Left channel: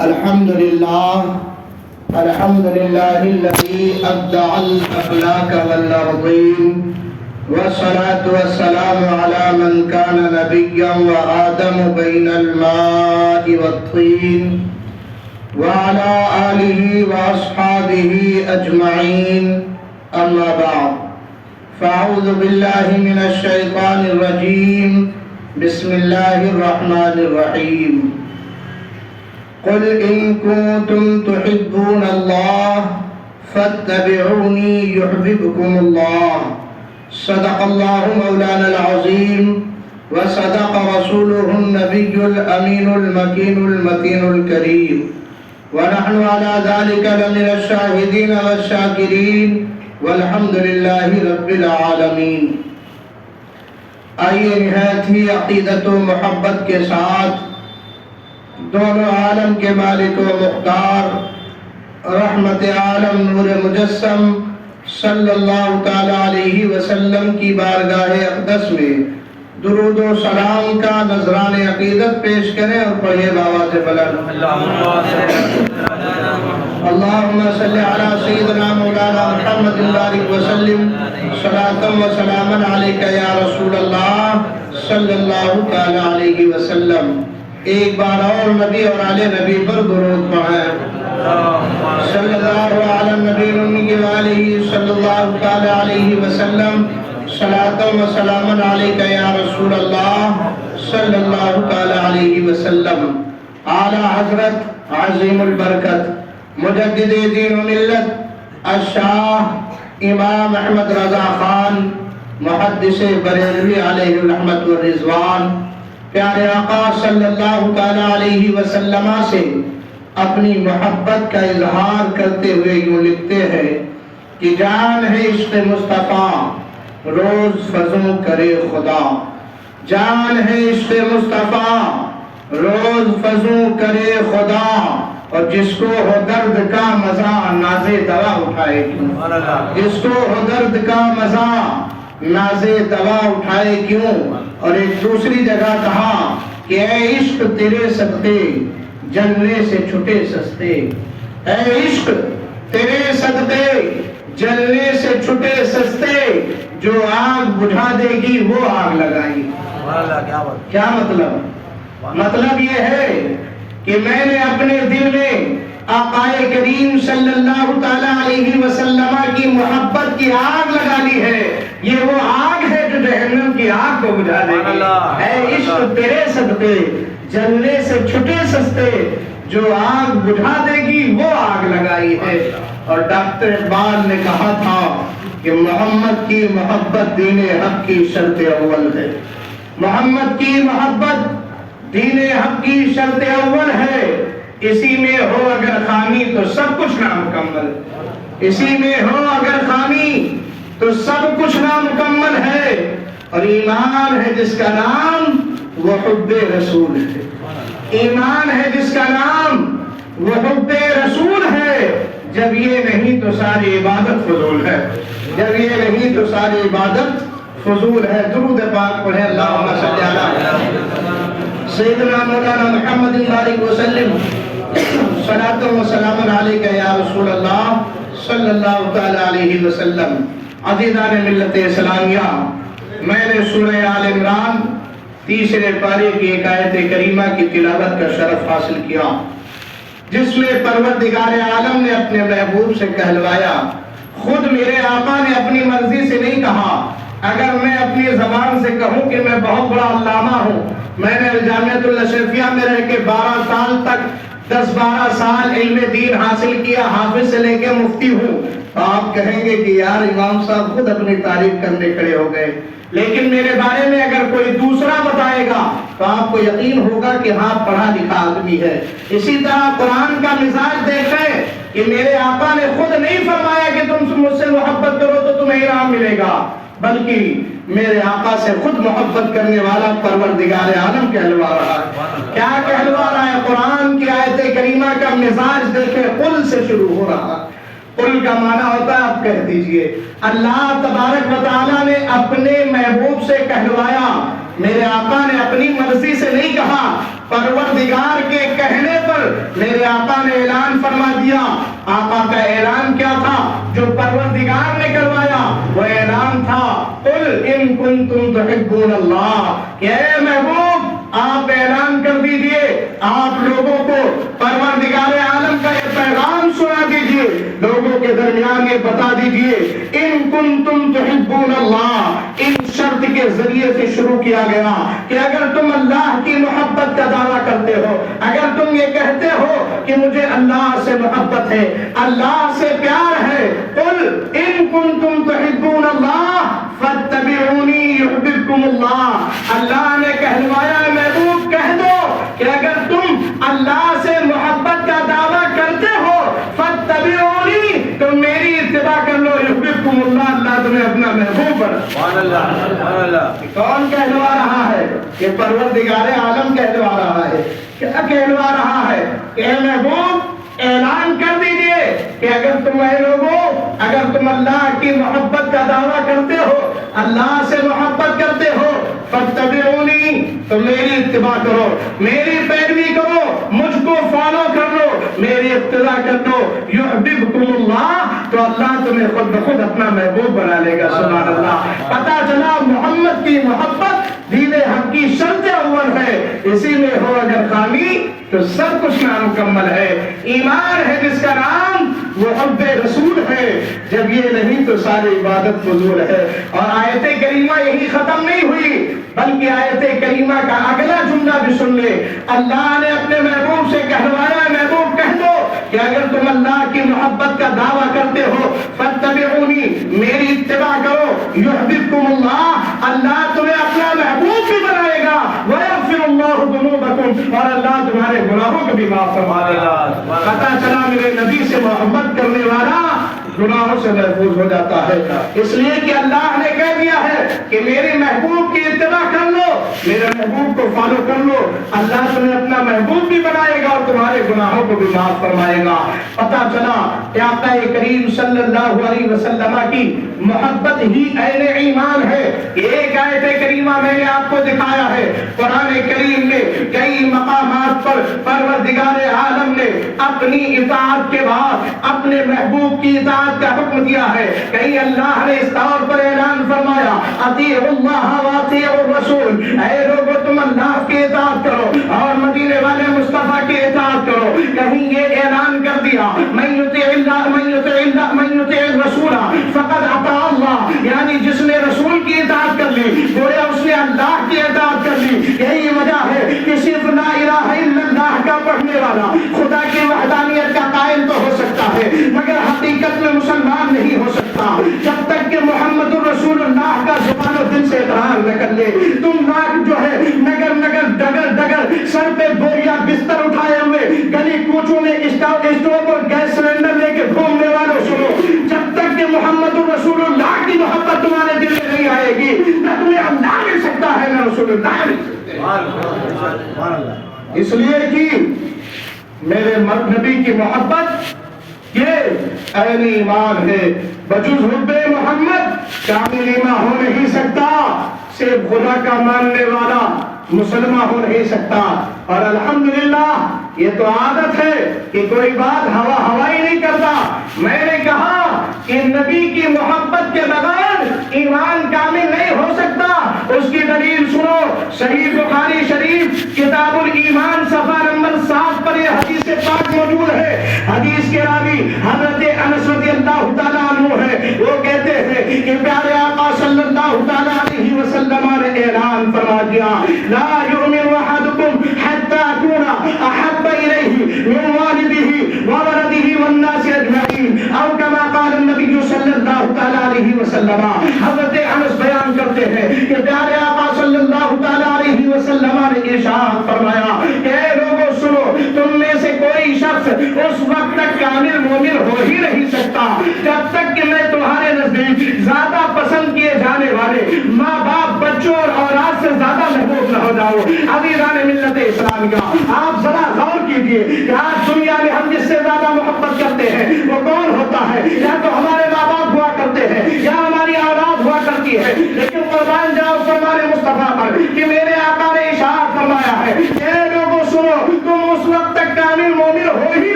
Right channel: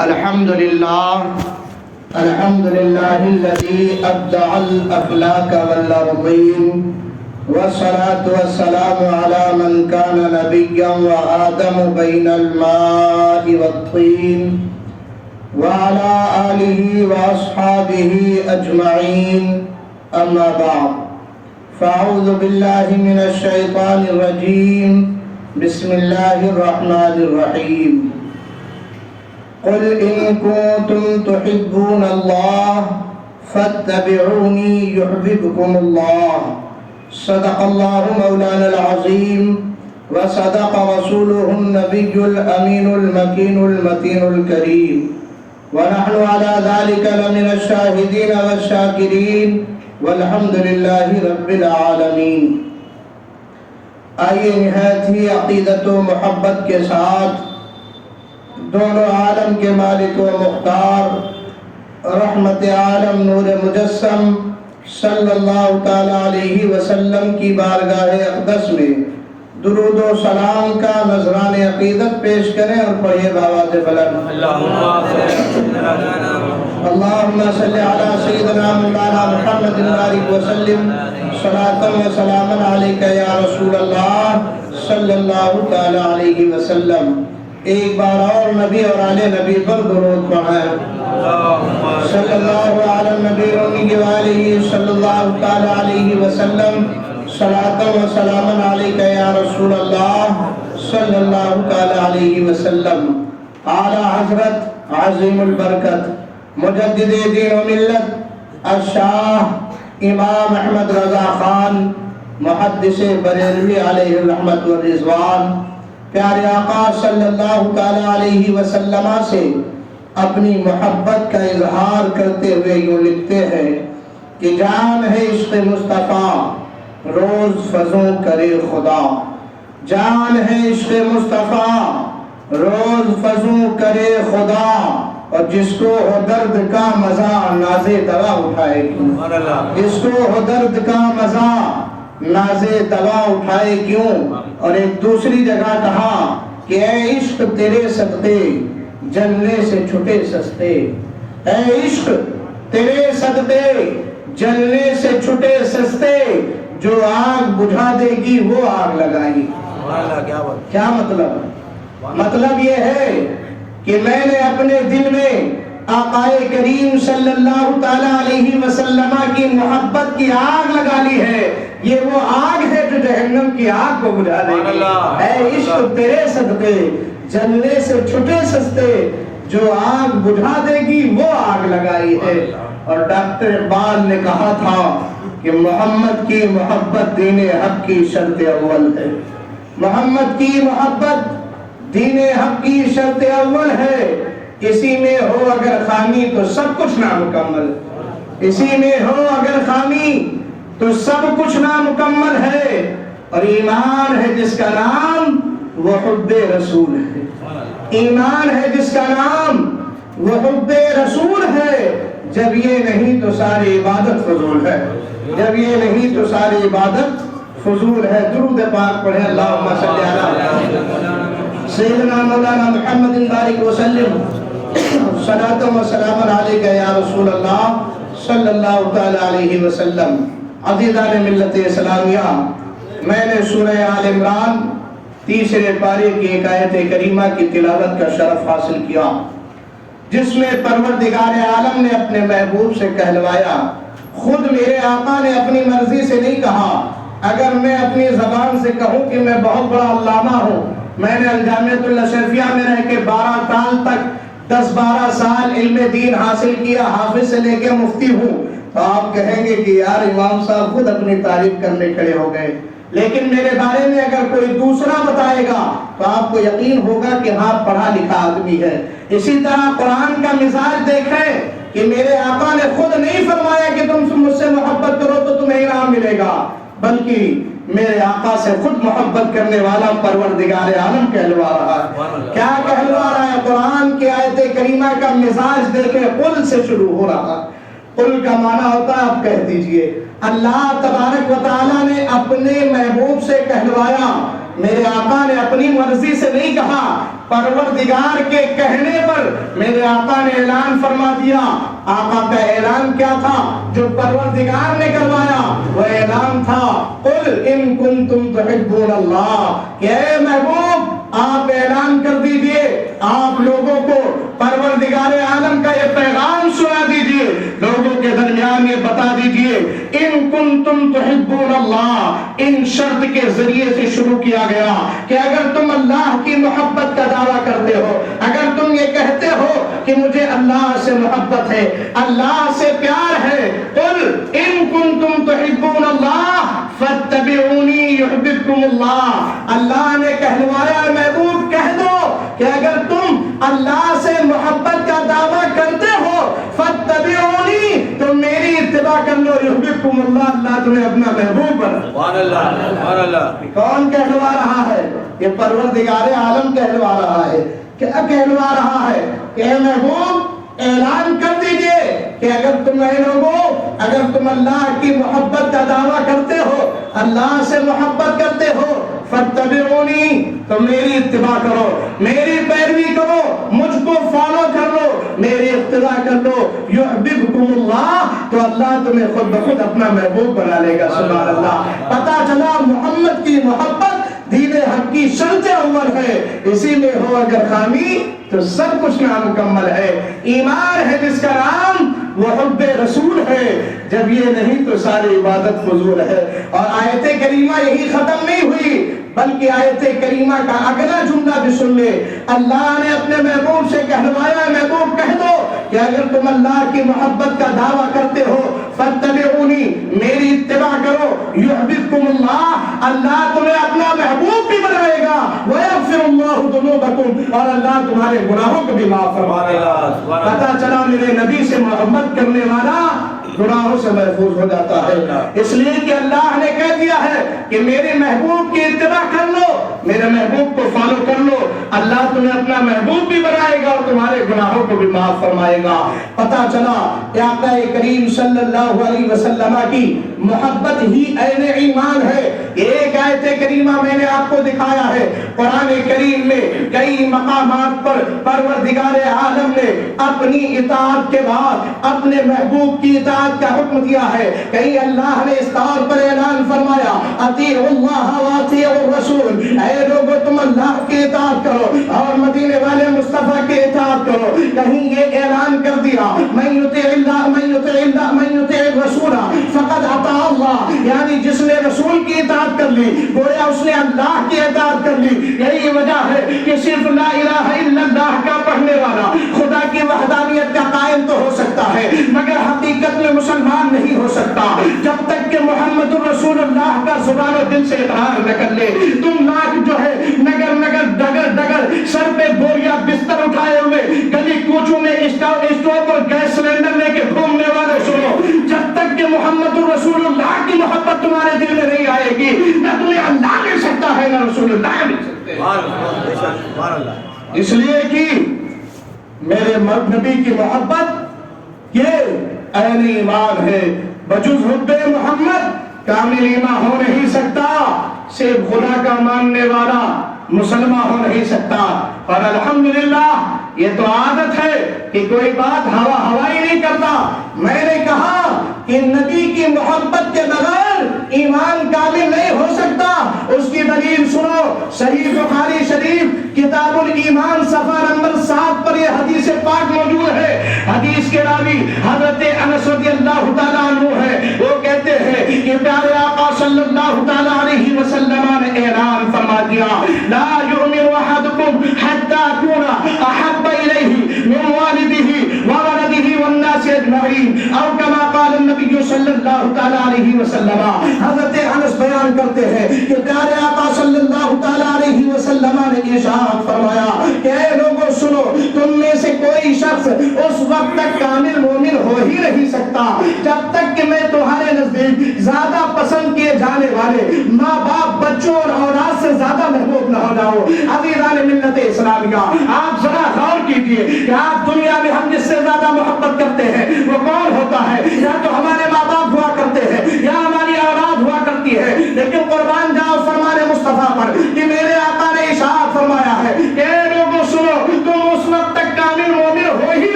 الحمد لله الذي أبدع الأخلاق والأرضين، والصلاة والسلام على من كان نبيا وآدم بين الماء والطين، وعلى آله وأصحابه أجمعين. أما بعد، فأعوذ بالله من الشيطان الرجيم. بسم الله الرحمن الرحيم. قل إن كنتم تحبون الله فاتبعوني يحببكم الله. صدق الله مولانا العظيم، وصدق رسوله النبي الأمين المكين المتين الكريم، ونحن على ذلك لمن الشاهدين والشاكرين، والحمد لله رب العالمین. آئیے نہایت ہی عقیدت و محبت کے ساتھ دونوں عالم کے مالک و مختار رحمت عالم نور مجسم صلی اللہ تعالی علیہ وسلم کی بارگاہ اقدس میں درود و سلام کا نذران عقیدت پیش کریں اور پڑھیے بآواز بلند. اللہم صلی علی سیدنا مولانا محمد بارک وسلم صلاۃ و سلاما علیک یا رسول اللہ صلی اللہ تعالی علیہ وسلم. ایک بار اور نبی اور آل نبی پر درود پڑھیں. صلی اللہ علی نبی امی وآلہ صلی اللہ تعالی علیہ وسلم صلاۃ و سلاما علیک یا رسول اللہ صلی اللہ تعالی علیہ وسلم. اعلیٰ حضرت عظیم البرکت مجدد دین و ملت الشاہ امام احمد رضا خان محدث بریلوی علیہ الرحمت والرضوان پیارے آقا صلی اللہ تعالی علیہ وسلم سے اپنی محبت کا اظہار کرتے ہوئے یوں لکھتے ہیں کہ جان ہے عشق مصطفیٰ روز فضوں کرے خدا. جان ہے عشق مصطفیٰ روز فضوں کرے خدا، اور جس کو ہو درد کا مزہ ناز دوا اٹھائے کیوں. جس کو ہو درد کا مزہ ناز دوا اٹھائے کیوں. اور ایک دوسری جگہ کہا کہ اے عشق تیرے صدقے جلنے سے چھٹے سستے. اے عشق تیرے صدقے جلنے سے چھٹے سستے، جو آگ بجھا دے گی وہ آگ لگائی. کیا مطلب؟ مطلب یہ ہے کہ میں نے اپنے دل میں آقائے کریم صلی اللہ تعالی علیہ وسلم کی محبت کی آگ لگا لی ہے. یہ وہ آگ ہے جو جہنم کی آگ کو بجھا دے گی. اے عشق تیرے صدقے جلنے سے چھٹے سستے، جو آگ بجھا دے گی وہ آگ لگائی ہے. اور ڈاکٹر اقبال نے کہا تھا کہ محمد کی محبت دین حق کی شرط اول ہے. محمد کی محبت دین حق کی شرط اول ہے. اسی میں ہو اگر خامی تو سب کچھ نامکمل. اسی میں ہو اگر خامی تو سب کچھ نامکمل ہے. اور ایمان ہے جس کا نام وہ حب رسول ہے. ایمان ہے جس کا نام وہ حب رسول ہے. جب یہ نہیں تو ساری عبادت فضول ہے. جب یہ نہیں تو ساری عبادت فضول ہے. درود پاک پڑھیں. اللہم صلی علی سیدنا مولانا محمد بارک وسلم صلاۃ و سلام علیک یا رسول اللہ صلی اللہ تعالی علیہ وسلم. عزیزان ملت اسلامیہ، میں نے سورہ آل عمران تیسرے پارے کی ایک آیت کریمہ کی تلاوت کا شرف حاصل کیا، جس میں پروردگار عالم نے اپنے محبوب سے کہلوایا. خود میرے آقا نے اپنی مرضی سے نہیں کہا. اگر میں اپنی زبان سے کہوں کہ میں بہت بڑا علامہ ہوں، میں نے الجامعۃ الاشرفیہ میں رہ کے 12 سال تک 10-12 سال علم دین حاصل کیا، حافظ سے لے کے مفتی ہوں، تو آپ کہیں گے کہ یار امام صاحب خود اپنی تعریف کرنے کھڑے ہو گئے. لیکن میرے بارے میں اگر کوئی دوسرا بتائے گا تو آپ کو یقین ہوگا کہ ہاں پڑھا لکھا آدمی ہے. اسی طرح قرآن کا مزاج دیکھ لیں کہ میرے آقا نے خود نہیں فرمایا کہ تم مجھ سے محبت کرو تو تمہیں انعام ملے گا، بلکہ میرے آقا سے خود محبت کرنے والا پروردگار عالم کہلوا رہا ہے. کیا کہلوا رہا ہے؟ قرآن کی آیت کریمہ کا مزاج دیکھیں. قل سے شروع ہو رہا. قل کا معنی ہوتا ہے آپ کہہ دیجئے. اللہ تبارک و تعالیٰ نے اپنے محبوب سے کہلوایا میرے آقا نے اپنی مرضی سے نہیں کہا، پروردگار کے کہنے پر میرے آقا نے اعلان فرما دیا۔ آقا کا اعلان کیا تھا جو پروردگار نے کروایا؟ وہ اعلان تھا قل ان کنتم تحبون اللہ، کہ اے محبوب آپ اعلان کر دیجئے، آپ لوگوں کو پروردگار عالم کا یہ پیغام سنا دیجئے، لوگوں کے درمیان یہ بتا دیجئے ان کنتم تحبون اللہ۔ ان شرط کے ذریعے سے شروع کیا گیا کہ اگر تم اللہ کی محبت کا دعویٰ کرتے ہو، اگر تم یہ کہتے ہو کہ مجھے اللہ سے محبت ہے، اللہ سے پیار ہے، قل ان کنتم تحبون اللہ فاتبعونی یحببکم اللہ۔ اللہ نے کہلوایا محبوب کہہ دو کہ اگر تم اللہ سے محبت کا دعویٰ کرتے ہو فاتبعونی، تم میری اتباع کر لو، یحببکم اللہ، اللہ تمہیں اپنا محبوب بنا۔ سبحان اللہ، سبحان اللہ۔ کون کہلوا رہا ہے؟ کہ پروردگار عالم کہلوا رہا ہے۔ کیا کہلوا رہا ہے؟ کہ اے محبوب اعلان کر دیجئے کہ اگر تم اے لوگوں، اگر تم اللہ کی محبت کا دعویٰ کرتے ہو، اللہ سے محبت کرتے ہو، فاتبعونی، تو میری اتباع کرو، میری پیروی کرو، مجھ کو فالو کر لو، میری اقتداء کر لو، یحببکم اللہ، تو اللہ تمہیں خود بخود اپنا محبوب بنا لے گا۔ سبحان اللہ۔ پتہ چلا محمد کی محبت دین حق کی شرط اول ہے، اسی میں ہو اگر خامی تو سب کچھ نامکمل ہے۔ ایمان ہے جس کا نام وہ حب رسول ہے، جب یہ نہیں تو ساری عبادت فضول ہے۔ اور آیت کریمہ یہی ختم نہیں ہوئی، بلکہ آیت کریمہ کا اگلا جملہ بھی سن لے۔ اللہ نے اپنے محبوب سے کہلوایا محبوب کہہ دو کہ اگر تم اللہ کی محبت کا دعویٰ کرتے ہو فاتبعونی، میری اتباع کرو، یحببکم اللہ، اللہ تمہیں اپنا محبوب بھی بنائے گا، ویغفر اللہ ذنوبکم، اور اللہ تمہارے گناہوں کو بھی معاف فرمائے گا۔ پتہ چلا میرے نبی سے محبت کرنے والا گناہوں سے محفوظ ہو جاتا ہے، اس لیے کہ اللہ نے کہہ دیا ہے کہ میرے محبوب کی اتباع کر لو، میرے محبوب کو فالو کر لو، اللہ تمہیں اپنا محبوب بھی بنائے گا اور تمہارے گناہوں کو بھی معاف فرمائے گا۔ پتہ چلا کہ آقا کریم صلی اللہ علیہ وسلم کی محبت ہی عین ایمان ہے۔ ایک آیت کریمہ میں نے آپ کو دکھایا ہے، قرآن کریم میں کئی مقامات پر پروردگار عالم نے اپنی اطاعت کے بعد اپنے محبوب کی اطاعت کا حکم دیا ہے۔ کہیں اللہ نے اس طور پر اعلان فرمایا اطیعوا اللہ واطیعوا الرسول، اے لوگو تم اللہ کی اطاعت کرو اور مدینے والے مصطفیٰ کی اطاعت کرو۔ کہیں یہ اعلان کر دیا من یطیع اللہ من یطیع اللہ من یطیع الرسول فقد اطاع اللہ، یعنی جس نے رسول کی اطاعت کر لی گویا اس نے اللہ کی اطاعت کر لی۔ یہی وجہ ہے کہ صرف لا الہ الا اللہ کا پڑھنے والا خدا کی وحدانیت کا قائل تو ہو سکتا ہے مگر حقیقت میں مسلمان نہیں ہو سکتا جب تک کہ محمد رسول اللہ کا زبان و دل سے اقرار نہ کر لے۔ تم لوگ جو ہے نگر نگر ڈگر ڈگر سر پہ بوریا بستر اٹھائے ہوئے گلی کوچوں میں اسٹوو پر گیس سلنڈر لے کے گھومنے والوں سنو، جب تک کہ محمد رسول اللہ کی محبت تمہارے دل میں نہیں آئے گی نہ تمہیں اللہ مل سکتا ہے نہ رسول اللہ مل سکتے ہیں۔ اس لیے کہ میرے نبی کی محبت یہ عین ایمان ہے، بجز حب محمد کامل ایمان ہو نہیں سکتا، صرف خدا کا ماننے والا مسلمان ہو نہیں سکتا۔ اور الحمدللہ یہ تو عادت ہے کہ کوئی بات ہوائی نہیں کرتا۔ میں نے کہا کہ نبی کی محبت کے بغیر ایمان کامل نہیں ہو سکتا۔ اس کی دلیل سنو، صحیح بخاری شریف کتاب الایمان صفحہ نمبر 7 پر یہ حدیث پاک موجود ہے۔ حدیث کے راوی حضرت انس رضی اللہ تعالیٰ عنہ ہے، وہ کہتے ہیں کہ پیارے آقا صلی اللہ تعالیٰ علیہ وسلم نے اعلان فرما دیا لا یؤمن احدکم حتی اکون احب الیہ من والدہ وولدہ والناس اجمعین او کما قال النبی صلی اللہ تعالیٰ علیہ وسلم۔ حضرت انس بیان کرتے ہیں کہ پیارے آقا صلی اللہ تعالیٰ علیہ وسلم نے ارشاد فرمایا کہ اے لوگوں سنو، تم میں سے کوئی شخص اس وقت تک کامل مومن ہو ہی نہیں سکتا جب تک کہ میں تمہارے نزدیک زیادہ پسند کیے جانے والے ماں باپ بچوں اور اولاد سے زیادہ محبوب نہ ہو جاؤ۔ عزیزان ملت اسلامیہ، آپ ذرا غور کیجئے کہ آج دنیا میں ہم جس سے زیادہ محبت کرتے ہیں وہ کون ہوتا ہے؟ یا تو ہمارے ماں باپ ہوا کرتے ہیں یا ہماری اولاد ہوا کرتی ہے، لیکن قربان جاؤ فرمان مصطفیٰ پر کہ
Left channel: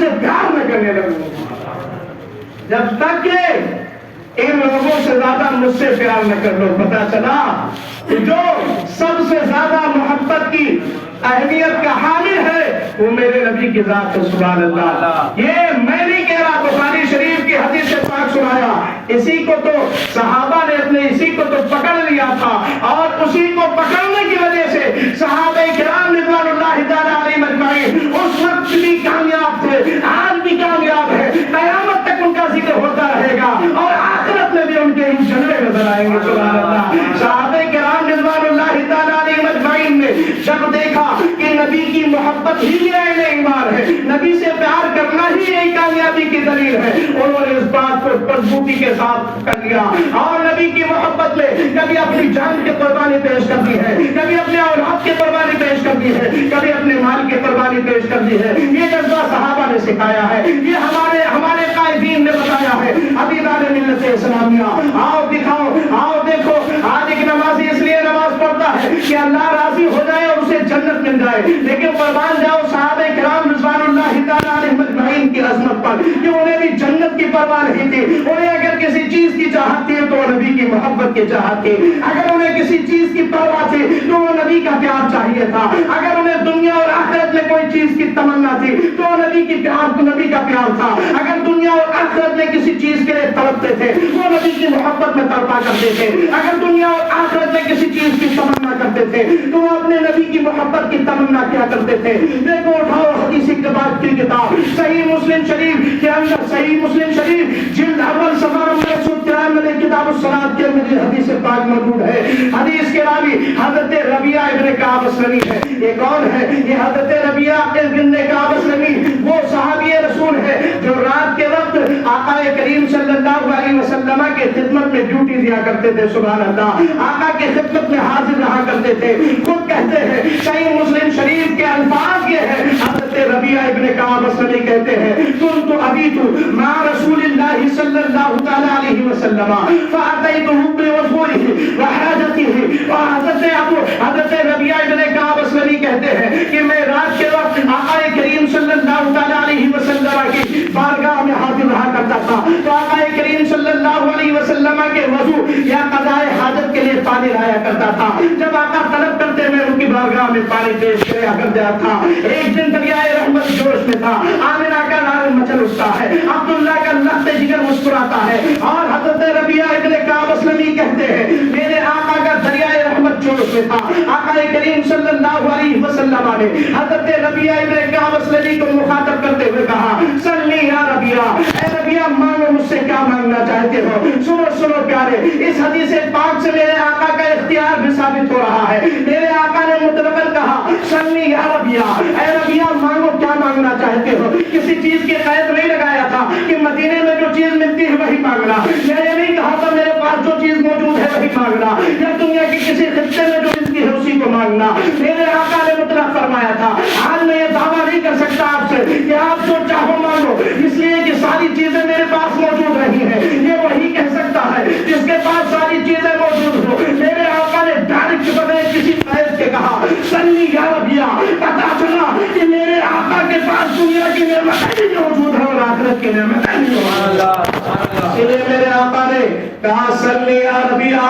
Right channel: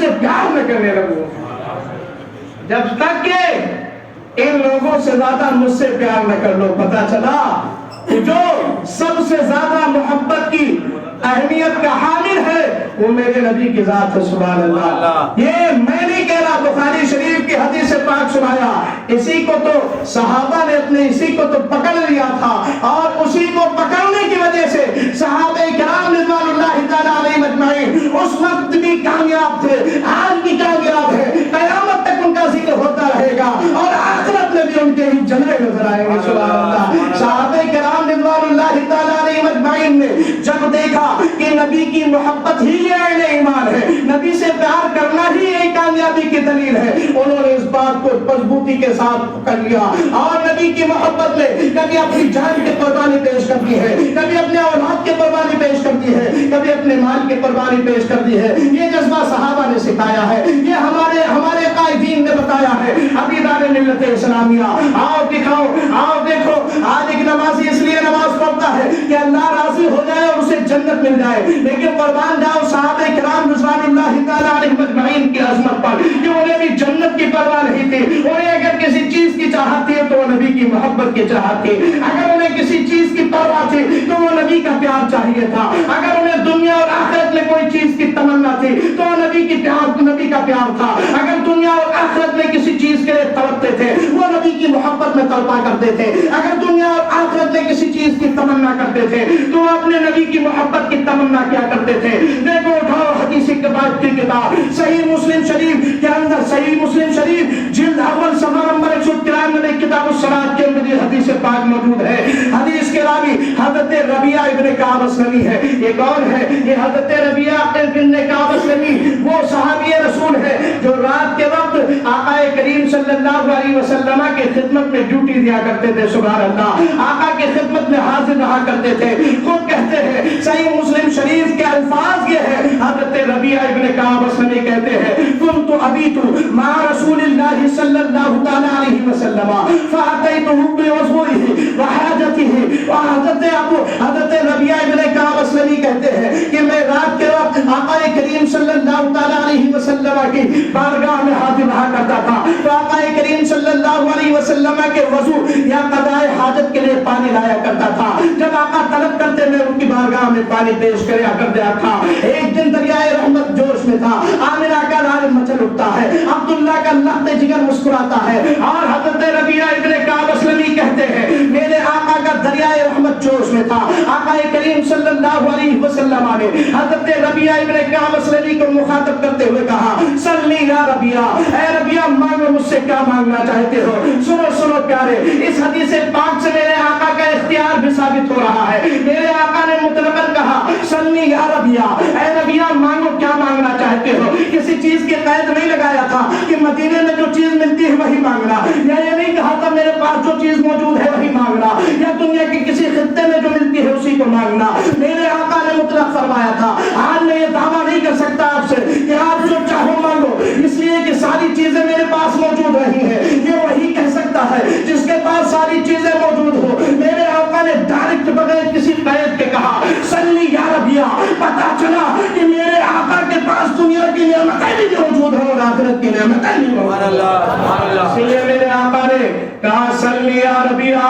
سے پیار نہ کرنے لگوں، جب تک کہ ان لوگوں سے زیادہ مجھ سے پیار نہ کر لو۔ پتا چلا کہ جو سب سے زیادہ محبت کی اہمیت کا حامل ہے وہ میرے نبی کی ذات ہے۔ سبحان اللہ۔ یہ میں نہیں کہہ رہا، بخاری شریف کی حدیث پاک سنایا، اسی کو تو صحابہ نے اپنے اسی کو تو پکڑ لیا تھا، اور اسی کو پکڑنے کی وجہ سے صحابہ کرام رضوان اللہ تعالی علیہم اجمعین اس وقت بھی کامیاب تھے، آج بھی کامیاب ہے، قیامت تک ان کا ذکر ہوتا رہے گا، اور آخرت میں بھی ان کے جلوے نظر آئیں گے۔ سبحان اللہ۔ صحابہ کرام رضوان اللہ تعالی علیہم اجمعین نے جب دیکھا کہ نبی کی محبت ہی عین ایمان ہے، نبی سے پیار کرنا ہی ایک کامیابی کی دلیل ہے، انہوں نے اس بات کو مضبوطی کے ساتھ کر لیا، اور نبی کی محبت میں کبھی اپنی جان کی قربانی پیش کر دی ہے، کبھی اپنے اولاد کی قربانی پیش کر دی ہے، کبھی اپنے مال کی قربانی پیش کر دی ہے۔ یہ جذبہ صحابہ نے سکھایا ہے، یہ ہمارے قائدین نے بتایا ہے۔ ابھی دار ملت اسلامیہ، آؤ دکھاؤ، آؤ دیکھو، آج ایک نمازی اس لیے نماز پڑھتا ہے کہ اللہ راضی ہو جائے اور اسے جنت مل جائے، لیکن قربان جاؤ صحابہ کرام رضوان اللہ تعالی علیہم اجمعین کی عظمت پر کہ انہیں بھی جنت کی پرواہ نہیں تھی، انہیں اگر کسی چیز کی چاہت تھی تو نبی کی محبت کی چاہت تھی، اگر انہیں کسی چیز کی پرواہ تھی تو وہ نبی کا پیار چاہیے تھا، اگر انہیں دنیا اور آخرت میں کوئی چیز کی تمنا تھی تو نبی کا پیار تھا، اگر دنیا اور آخرت میں کسی چیز کے لیے تڑپتے تھے وہ نبی کی محبت میں تڑپا کرتے تھے، اگر دنیا اور آخرت میں کسی چیز کی تمنا کرتے تھے تو وہ اپنے نبی کی محبت کی تمنا کیا کرتے تھے۔ دیکھو اٹھاؤ حدیث کی کتاب صحیح مسلم شریف کے اندر، صحیح مسلم شریف جلد اول صفحہ نمبر 193 میں کتاب الصلاۃ کے اندر یہ حدیث پاک موجود ہے۔ حدیث کے راوی حضرت ربیعہ ابن کعب اسلمی ہے۔ یہ کون ہے؟ یہ حضرت ربیعہ ابن کعب اسلمی وہ صحابی رسول ہے جو رات کے وقت آقا کریم صلی اللہ علیہ وسلم کے خدمت میں ڈیوٹی دیا کرتے تھے۔ سبحان اللہ۔ آقا کی خدمت میں حاضر رہا کرتے تھے۔ خود کہتے ہیں، صحیح مسلم شریف کے الفاظ یہ ہے، حضرت ربیعہ ابن کعب اسلمی کہتے ہیں، كنت أبيت مع رسول الله صلى الله تعالى عليه وسلم فأتيته بوضوئه وحاجته۔ حضرت ربیعہ ابن کعب اسلمی کہتے ہیں کہ میں رات کے وقت آقا کریم صلی اللہ تعالی علیہ وسلم کی بارگاہ میں حاضر رہا کرتا تھا، تو آقا کریم صلی اللہ علیہ وسلم کے وضو یا قضاء حاجت کے لیے پانی لایا کرتا تھا۔ جب آقا طلب کرتے ہوئے ان کی بارگاہ میں پانی پیش کیا کرتا تھا، ایک دن دریائے رحمت جوش میں تھا، آمنہ کا نعرہ مچل اٹھتا ہے، عبداللہ کا لخت جگر مسکراتا ہے، اور حضرت ربیعہ ابن کعب اسلمی کہتے ہیں میرے آقا کا دریائے رحمت جوش میں تھا۔ آقا کریم صلی اللہ علیہ وسلم نے حضرت ربیعہ ابن کعب اسلمی کو مخاطب کرتے ہوئے کہا، صلی یا ربیعہ، اے ربیعہ مانگو مجھ سے کیا مانگنا چاہتے ہو۔ سنو پیارے، اس حدیث پاک سے میرے آقا کا اختیار بھی ثابت ہو رہا ہے۔ میرے آقا نے مطلقاً کہا صلی یا ربیعہ، اے ربیعہ مانگو کیا مانگنا چاہتے ہو۔ کسی چیز کی قید نہیں لگایا تھا کہ مدینے میں جو چیز ملتی ہے وہی مانگنا، یا یہ نہیں کہا تھا میرے پاس جو چیز موجود ہے وہی مانگنا، یا دنیا کی کسی خطے میں جو ملتی ہے اسی کو مانگنا۔ میرے آقا نے مطلق فرمایا تھا۔ آج میں یہ دعویٰ نہیں کر سکتا آپ سے کہ آپ جو چاہو مانگو، اس لیے کہ ساری چیزیں میرے پاس موجود رہی ہیں، یہ وہی کہہ سکتا ہے جس کے پاس ساری چیزیں موجود ہو۔ میرے آقا نے ڈائریکٹ بغیر کسی قید کے کہا صلی یا ربیعہ۔ پتا چلا کہ میرے آقا کے پاس دنیا کی نعمتیں بھی موجود ہیں اور آخرت کی نعمتیں بھی موجود ہیں، اس لیے میرے آقا نے کہا صلی یا ربیعہ،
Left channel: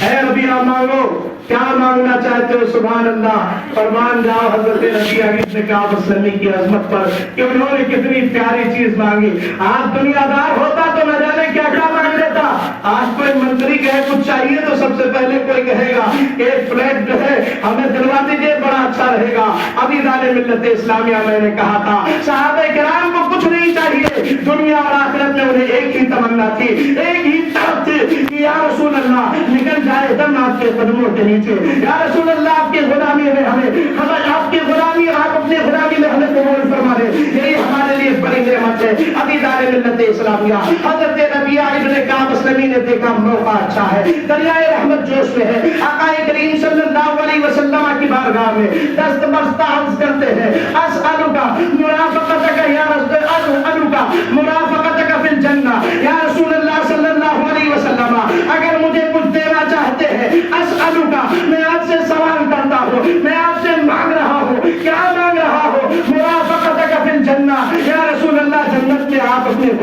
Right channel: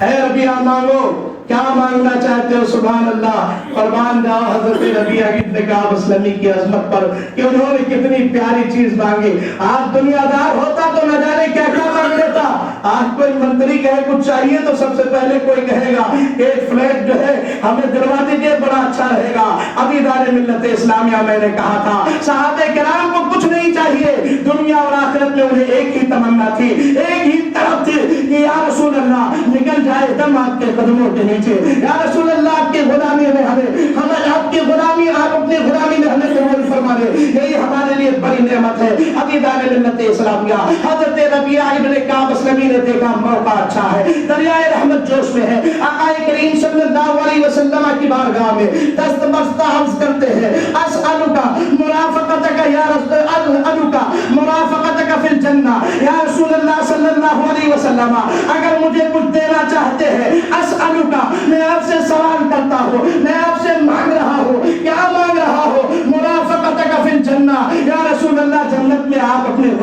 اے ربیعہ مانگو کیا مانگنا چاہتے ہو۔ سبحان اللہ۔ قربان جاؤ حضرت ربیعہ ابن کعب اسلمی کی عظمت پر کہ انہوں نے کتنی پیاری چیز مانگی۔ آج دنیا دار ہوتا تو نہ جانے کیا کیا مانگ لیتا۔ آج کوئی منتری کہے کچھ چاہیے تو سب سے پہلے کوئی کہے گا کہ فلیٹ جو ہے ہمیں دلوا دیجیے، بڑا اچھا رہے گا۔ ابھی دار ملت اسلامیہ میں نے کہا تھا صحابہ کرام کو کچھ نہیں چاہیے، دنیا اور آخرت میں انہیں ایک ہی تمنا تھی، ایک ہی طلب تھی کہ یا رسول اللہ نکل جائے دم آپ کے قدموں کے نیچے، یا رسول اللہ آپ کی غلامی میں ہمیں آپ کی غلامی، آپ اپنی غلامی میں ہمیں قبول فرما دے، یہی ہمارے لیے بڑی نعمت ہے۔ ابھی دار ملت اسلامیہ حضرت ربیعہ ابن کعب اسلمی نے دیکھا موقع اچھا ہے، دریائے رحمت جوش میں ہے، آقا کریم صلی اللہ علیہ وسلم کی بارگاہ میں دست بستہ عرض کرتے ہیں اسألک مرافقتک یا اسألک مرافقتک فی الجنہ، یا رسول اللہ صلی اللہ علیہ وسلم اگر مجھے کچھ دینا چاہتے ہیں اسألک، میں آپ سے سوال کرتا ہوں، میں آپ سے مانگ رہا ہوں، کیا مانگ رہا ہوں؟ مرافقتک فی الجنہ، یا رسول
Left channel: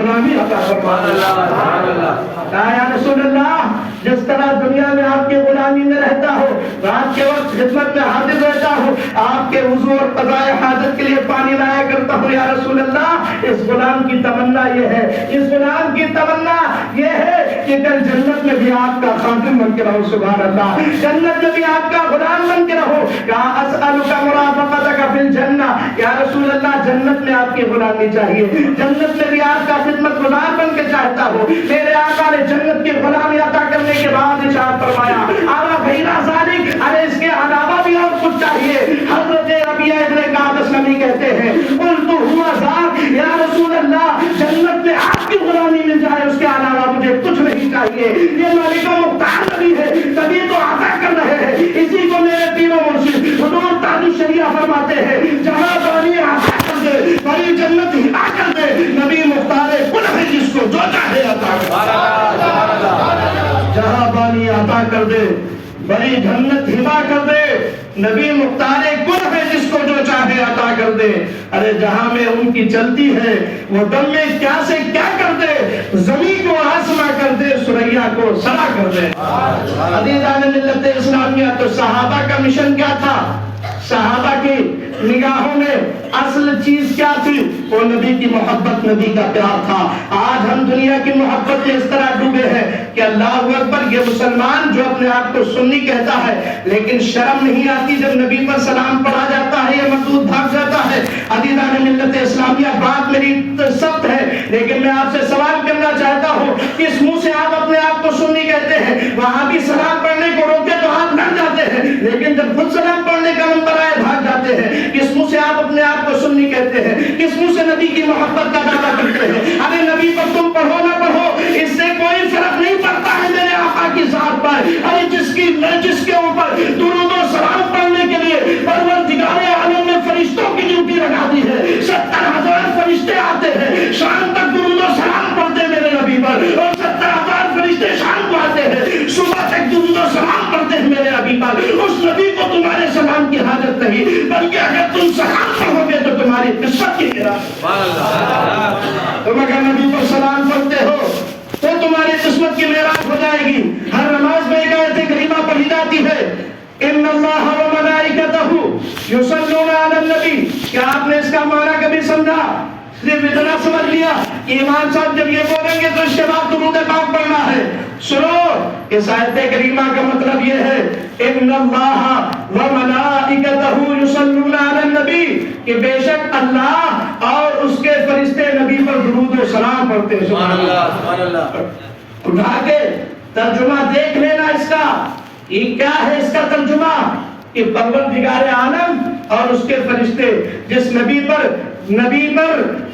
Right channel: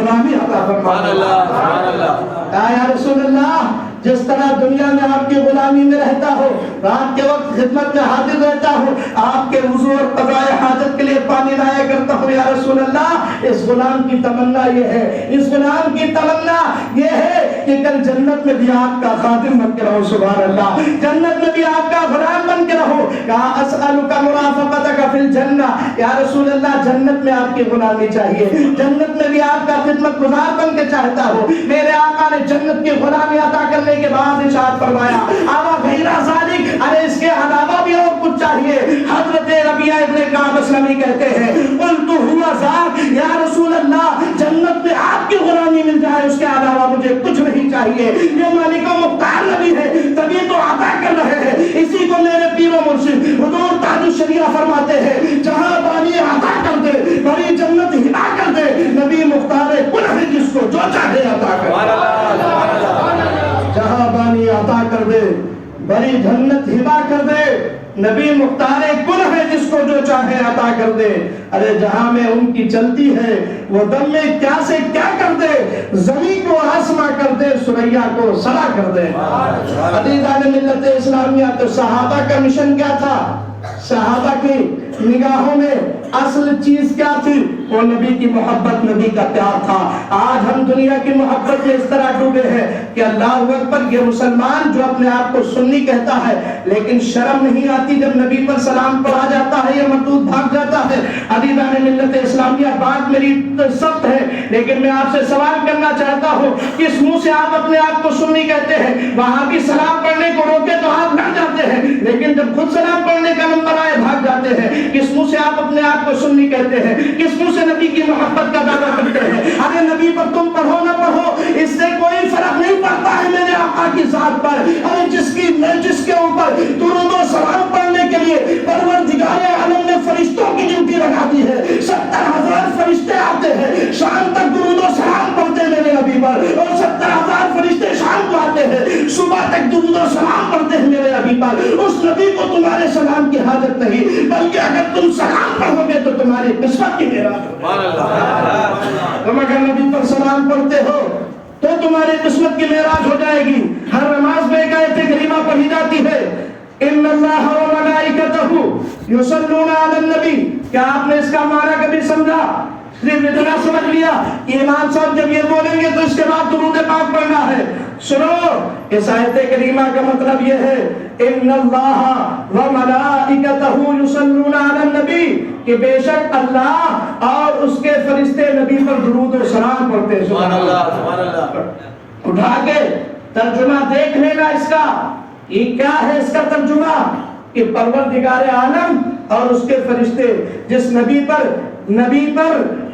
غلامی عطا فرما یا رسول اللہ جس طرح دنیا میں آپ کی غلامی میں رہتا ہو رات کے وقت خدمت میں حاضر رہتا ہو آپ کے وضو اور قضاء حاجت کے لیے پانی لایا کرتا ہو یا رسول اللہ اس غلام کی تمنا یہ ہے اس غلام کی تمنا یہ ہے کہ کل جنت میں بھی آپ کا خادم بن کے رہو سبحان اللہ جنت میں بھی آپ کا غلام بن کے رہو کہا اسألک مرافقتک فی الجنہ یا رسول اللہ جنت میں آپ کی غلامی چاہیے جنت میں بھی آپ کا خدمت گزار بن کے چاہتا ہو میرے آقا نے جنت کی غلامی عطا کرنے کے بعد ارشاد فرمایا آبا غیرہ ذالک ارے اس کے علاوہ بھی اور کچھ چاہیے حضرت ربیعہ ابن کعب اسلمی کہتے ہیں قلت ہوا ذاک یا رسول اللہ جنت میں آپ کی غلامی مل جائے اس کے علاوہ مجھے کچھ نہیں چاہیے یہ مالک مختار نبی ہے تبھی تو عطا کر رہے ہیں اسی کو میرے پیر و مرشد حضور تاج الشریعہ فرماتے ہیں جہاں بانی عطا کر دے بڑی جنت ہبا کر دے نبی مختار کل ہے جس کو جو چاہے عطا کر جہاں بانی عطا کر دے بڑی جنت ہبا کر دے نبی مختار کل ہے جس کو جو چاہے عطا کر دے ارے جہاں میں ان کی چلتی ہے وہ دم میں کیا سے کیا کر دے زمین کو آسما کر دے سریا کو سرا کر دے عزیزان ملت اسلامیہ تو صحابہ کا مشن کیا تھا صحابہ کی نگاہوں میں اصل چیز کیا تھی وہ نبی کی محبت نبی کا پیار تھا آج ہم دنیا کی محبت میں اس طرح ڈوبے ہیں کہ اللہ اکبر یہ مسلمان جو اپنے آپ کو سنی کہتا ہے لیکن شرم نہیں آتی جب نبی پر سلام پڑھا جاتا ہے یہ مردود بھاگ جاتا ہے عزیزان ملت اسلامیہ بات میری سخت ہے لیکن میں آپ سے سوال کرنا چاہتا ہوں کس منہ سے آپ اپنے آپ کو سنی کہتے ہیں وہاں بھی سلام پڑھنے کو روکے تو آپ ڈر جاتے ہیں لیکن جب خود سلام پڑھنے کا نمبر آئے بھاگ جاتے ہیں کس منہ سے آپ اپنے آپ کو سنی کہتے ہیں کس منہ سے نبی کی محبت کا دعویٰ کرتے ہیں ارے نبی پر تم پڑھو نہ پڑھو اس سے کوئی فرق نہیں پڑتا ہے میرے آقا کی ذات پر ارے جس کے اوپر درود و سلام پڑھنے کے لیے پروردگار عالم نے فرشتوں کی ڈیوٹی لگا دی ہے 70,000 فرشتے آتے ہیں شام تک درود و سلام پڑھتے میرے نبی پر اور 70,000 فرشتے شام کو آتے ہیں صبح تک درود و سلام پڑھتے ہیں میرے نبی پر اس نبی کو تمہارے سلام کی حاجت نہیں بلکہ اگر تم سلام پڑھو گے تو تمہاری قسمت کی میراث تم اگر نبی پر سلام پڑھتے ہو تو تمہاری قسمت کی میراث ہو جائے گی ہر نماز میں ایک آیت کریمہ پڑھی جاتی ہے ان اللہ و ملائکتہ یصلون علی النبی کیا آپ نے اس کا معنی کبھی سمجھا صرف اتنا سمجھ لیا کہ امام صاحب جب یہ بولیں گے تو اس کے بعد درود پاک پڑھنا ہے سنو اس آیت کریمہ کا مطلب یہ ہے ان اللہ و ملائکتہ یصلون علی النبی کہ بے شک اللہ اور اس کے فرشتے نبی پر درود و سلام پڑھتے ہیں سبحان اللہ اٹھا کے ترجمہ دیکھ لینا اس کا یہ کیا ہے اس کا ترجمہ کہ پروردگار عالم اور اس کے فرشتے جس نبی پر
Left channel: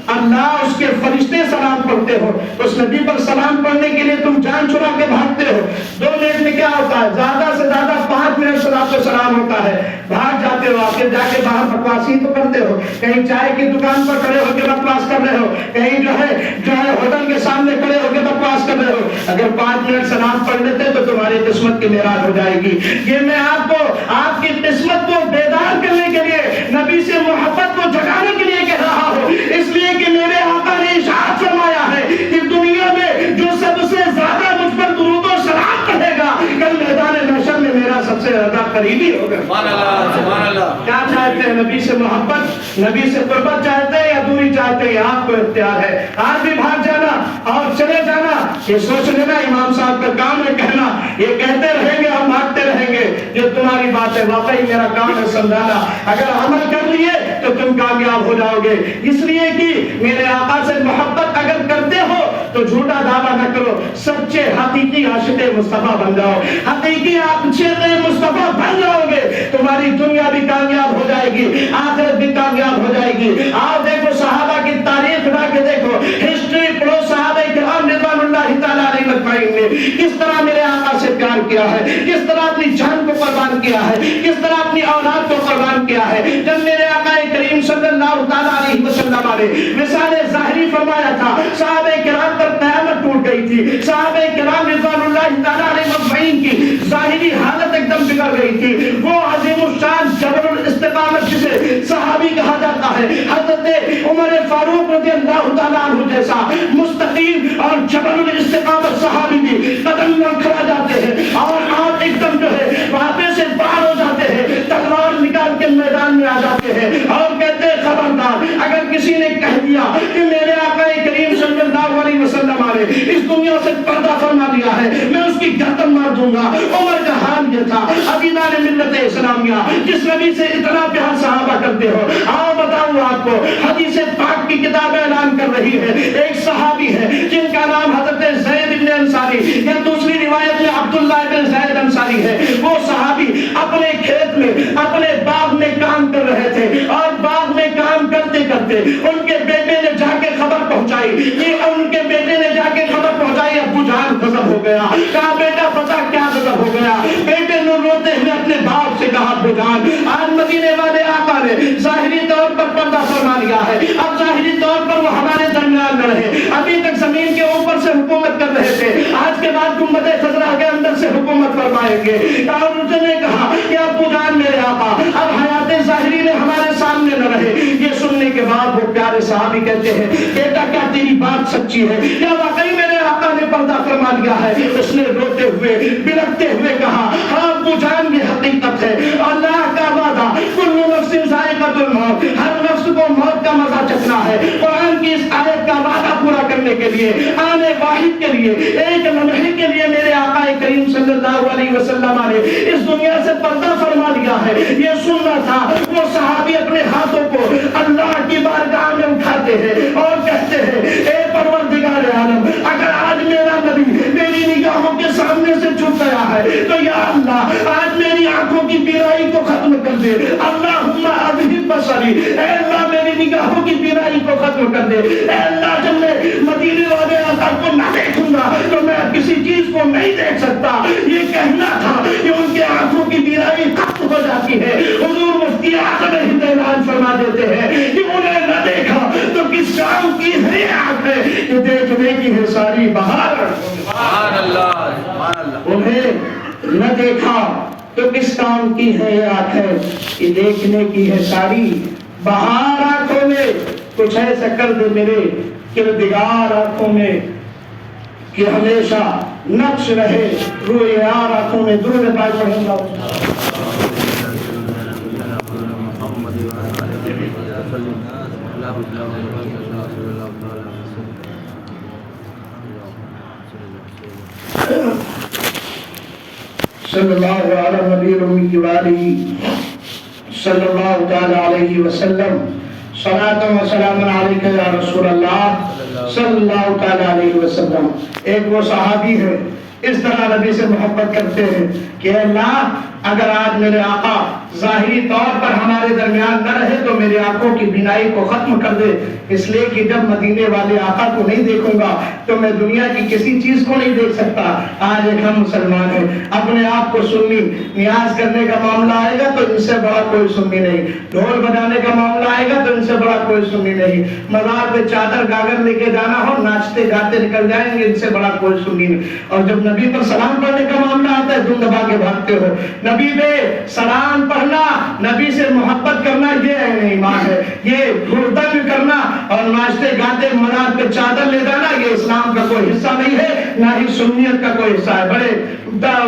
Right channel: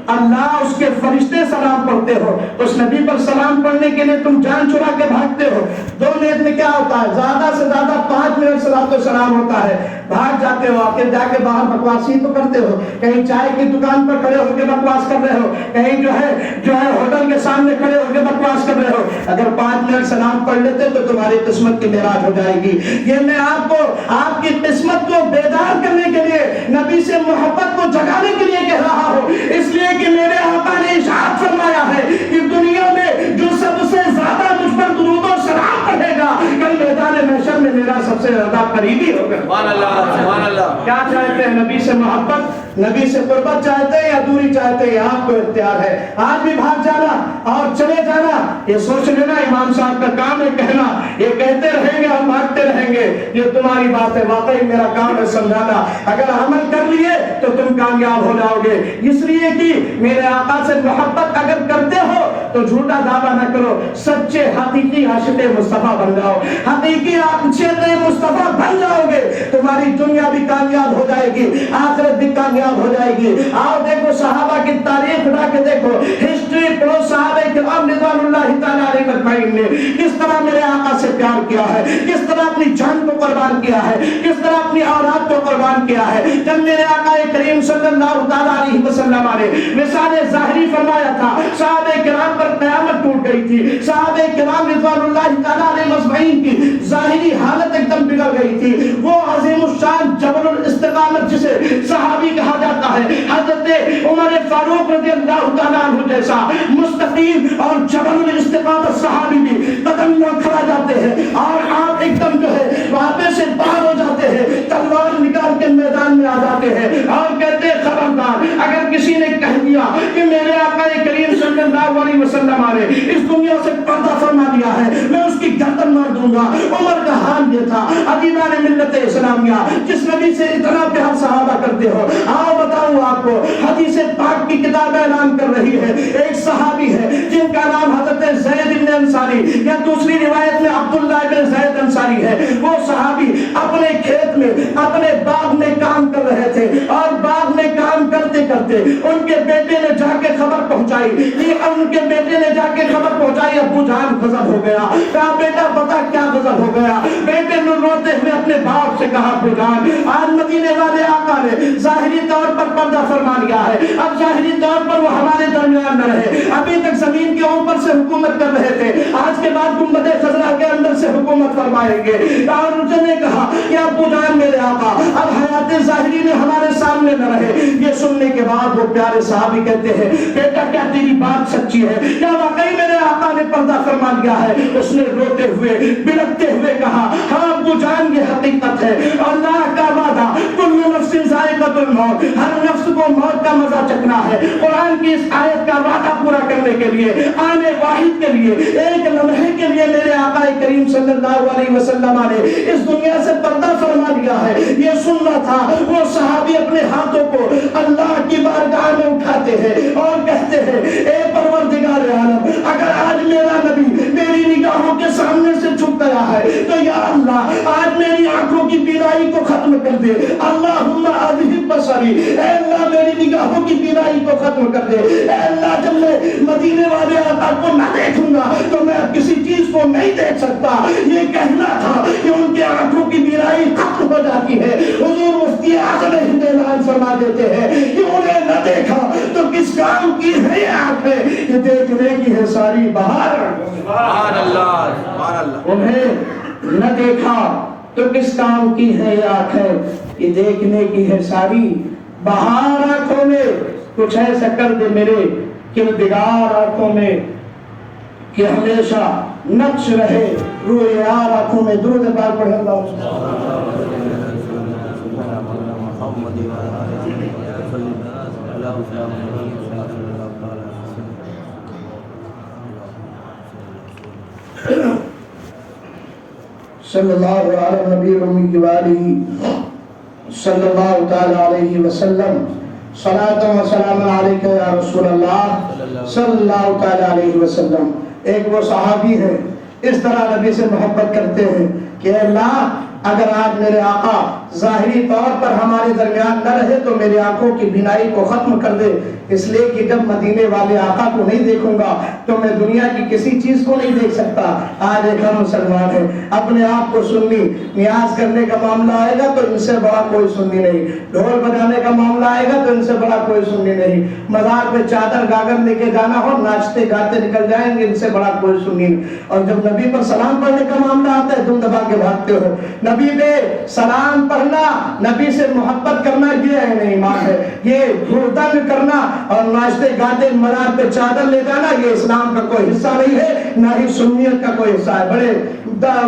اللہ اس کے فرشتے سلام پڑھتے ہو اس نبی پر سلام پڑھنے کے لیے تم جان چھڑا کے بھاگتے ہو 2 منٹ میں کیا ہوتا ہے زیادہ سے زیادہ 5 منٹ صلاۃ و سلام ہوتا ہے بھاگ جاتے ہو آخر جا کے باہر بکواس ہی تو کرتے ہو کہیں چائے کی دکان پر کھڑے ہو کے بکواس کر رہے ہو کہیں جو ہے ہوٹل کے سامنے کھڑے ہو کے بکواس کر رہے ہو اگر 5 منٹ سلام پڑھ لیتے تو تمہاری قسمت کی میراث ہو جائے گی یہ میں آپ کو آپ کی قسمت کو بیدار کرنے کے لیے نبی سے محبت کو جگانے کے لیے کہہ رہا ہوں اس لیے کہ میرے آقا نے ارشاد فرمایا ہے کہ دنیا میں جو سب سے زیادہ مجھ پر درود و سلام پڑھے گا کل میدان محشر میں میرا سب سے زیادہ قریبی ہوگا سبحان اللہ کیا چاہتے ہیں نبی سے محبت نبی سے قربت چاہتے ہیں یا دوری چاہتے ہیں آپ کو اختیار ہے آج بھی بھاگ جانا اور چلے جانا یہ سوچ لینا امام صاحب کا کام ہے کہنا یہ کہتے رہیں گے اور بھاگتے رہیں گے یہ تمہاری بات ہے واقعی میرا کام ہے سمجھانا اگر عمل کر لیے تو تم کامیاب ہو جاؤ گے اس لیے کہ میرے آقا سے محبت اگر کرتے ہو تو جھوٹا دعویٰ نہ کرو سچے حقیقی عاشق مصطفیٰ بن جاؤ حقیقی عاشق مصطفیٰ بن جاؤ گے تمہاری دنیا بھی کامیاب ہو جائے گی آخرت بھی کامیاب ہو جائے گی آپ دیکھو صحابہ کی تاریخ اٹھا کے دیکھو ہسٹری پڑھو صحابہ کرام رضوان اللہ تعالی علیہ مجمعین نے کس طرح میرے آقا سے پیار کیا ہے کس طرح اپنی جان کو قربان کیا ہے کس طرح اپنی اولاد کو قربان کیا ہے جب میرے آقا کریم صلی اللہ تعالی علیہ وسلم نے مثال ظاہری فرمایا تھا صحابہ کرام پر قیامت ٹوٹ گئی تھی صحابہ کرام رضوان اللہ تعالی علیہ مجمعین کی ظاہری حالت ایک دم بگڑ گئی تھی وہ عظیم الشان جبل الاستقامت جسے صحابی کہا جاتا ہے حضرت حضرت عمر فاروق رضی اللہ تعالیٰ عنہ جیسا مستقیم اور جبل الاستقامت صحابی بھی قدم نہ کھڑا جاتے ہیں اور آپ ایک دم جو ہے وہاں سے باہر ہو جاتے ہیں، تلوار نکال کے میدان میں آ جاتے ہیں اور کہتے ہیں خبردار اگر کسی نے کہہ دیا کہ میرے آقا کریم صلی اللہ علیہ وسلم نے اس دنیا سے پردہ فرما دیا ہے میں اس کی گردن مار دوں گا۔ عمر کا حال یہ تھا۔ عزیزان ملت اسلامیہ جس نبی سے اتنا پیار صحابہ کرتے ہو، ہاں بتاؤں آپ کو حدیث پاک کی کتاب اعلان کر رہی ہے ایک صحابی ہے جن کا نام حضرت زید بن انصاری یا دوسری روایت میں عبداللہ بن زید انصاری ہے۔ وہ صحابی اپنے کھیت میں اپنے باغ میں کام کر رہے تھے اور باغ میں کام کرتے کرتے ان کے بیٹے نے جا کے خبر پہنچائی، یہ ان کے بیٹے نے جا کے خبر پہنچائی ابو جان غضب ہو گیا۔ کہا بیٹا پتا کیا غضب ہو گیا؟ بیٹے نے روتے ہوئے اپنے باپ سے کہا ابو جان آج مدینے والے آقا نے ظاہری طور پر پردہ فرما لیا ہے، اب ظاہری طور پر وہ ہمارے درمیان میں رہے، ابھی تک زمین کے اوپر سے حکومت کر رہے تھے، آج کے بعد گنبد خضرا کے اندر سے حکومت فرمائیں گے۔ اور اس نے کہا کہ ابو جان میرے آقا اب حیات ظاہری میں ہمارے سامنے نہ رہے۔ یہ سننے کے بعد وہ پیارے صحابی کہتے ہیں بیٹا کیا تیری بات سچی ہے؟ کیا واقعی میرے آقا نے پردہ فرما لیا ہے؟ اس نے روتے ہوئے بلکتے ہوئے کہا ہاں ابو جان یہ حقیقت ہے، اللہ کا وعدہ کل نفس ذائقۃ الموت، ہر نفس کو موت کا مزہ چکھنا ہے۔ قرآن کی اس آیت کا وعدہ پورا کرنے کے لیے آنے واحد کے لیے ایک لمحے کے لیے میرے آقا کریم صلی اللہ علیہ وسلم نے اس دنیا سے پردہ فرما لیا ہے۔ یہ سننا تھا۔ وہ صحابی اپنے ہاتھوں کو اللہ کی بارگاہ میں اٹھاتے ہیں اور کہتے ہیں اے پروردگار عالم اگر آج میرا نبی میری نگاہوں کے سامنے سے چھپ گیا ہے تو یا اللہ آج میری آنکھوں کی بینائی کو ختم کر دے۔ اللہم اذہب بصری، اے اللہ میری نگاہوں کی بینائی کو ختم کر دے۔ اے اللہ جب میں مدینے والے آقا کو نہ دیکھوں گا تو میں کسی چیز کو نہیں دیکھ سکتا۔ یہ کہنا تھا کہ ان کے آنکھوں کی بینائی ختم ہو جاتی ہے۔ حضور مفتی اعظم ہند اعلان فرما دیتے ہیں کہ انہیں نہ دیکھا تو کس کام کی ہے آنکھیں کہ دیکھنے کی ہے ساری بہار۔ سبحان اللہ سبحان اللہ۔ انہیں نہ دیکھا تو کس کام کی ہے یہ آنکھیں کہ دیکھنے کی ہے ساری بہار۔ آنکھوں میں کچھ ایسا کر دے میرے کردگار آنکھوں میں کہ ہمیشہ نقش رہے روئے یار آنکھوں میں۔ درود پاک پڑھیں اللہ صلی اللہ علیہ نبی امی کی والہ صلی اللہ تعالی علیہ وسلم۔ صلاۃ و سلام علیک یا رسول اللہ صلی اللہ تعالی علیہ وسلم۔ ایک وہ صحابی ہے اس طرح نبی سے محبت کرتے ہیں کہ اللہ اگر آج میرے آقا ظاہری طور پر ہمارے درمیان نہ رہے تو میری آنکھوں کی بینائی کو ختم کر دے، اس لیے کہ جب مدینے والے آقا کو نہیں دیکھوں گا تو میں دنیا کی کسی چیز کو نہیں دیکھ سکتا۔ آج ایک ہم مسلمان ہیں اپنے آپ کو سنی نیاز کرنے کا معاملہ آئے گا تو ان سے بڑا کوئی سنی نہیں، ڈھول بجانے کا معاملہ آئے گا تو ان سے بڑا کوئی سنی نہیں، مزار پہ چادر گاگر لے کے جانا ہو ناچتے گاتے نکل جائیں گے ان سے بڑا کوئی سنی نہیں۔ اور جب نبی پر سلام پڑھنے کا معاملہ آتا ہے دم دبا کے بھاگتے ہو۔ نبی پہ سلام پڑھنا، نبی سے محبت کرنا یہ اہم ایمان ہے۔ یہ گردن کرنا اور ناچتے گاتے مزار پہ چادر لے جانا یہ اسلام کا کوئی حصہ نہیں ہے، نہ ہی سنیت کا کوئی حصہ ہے۔ بڑے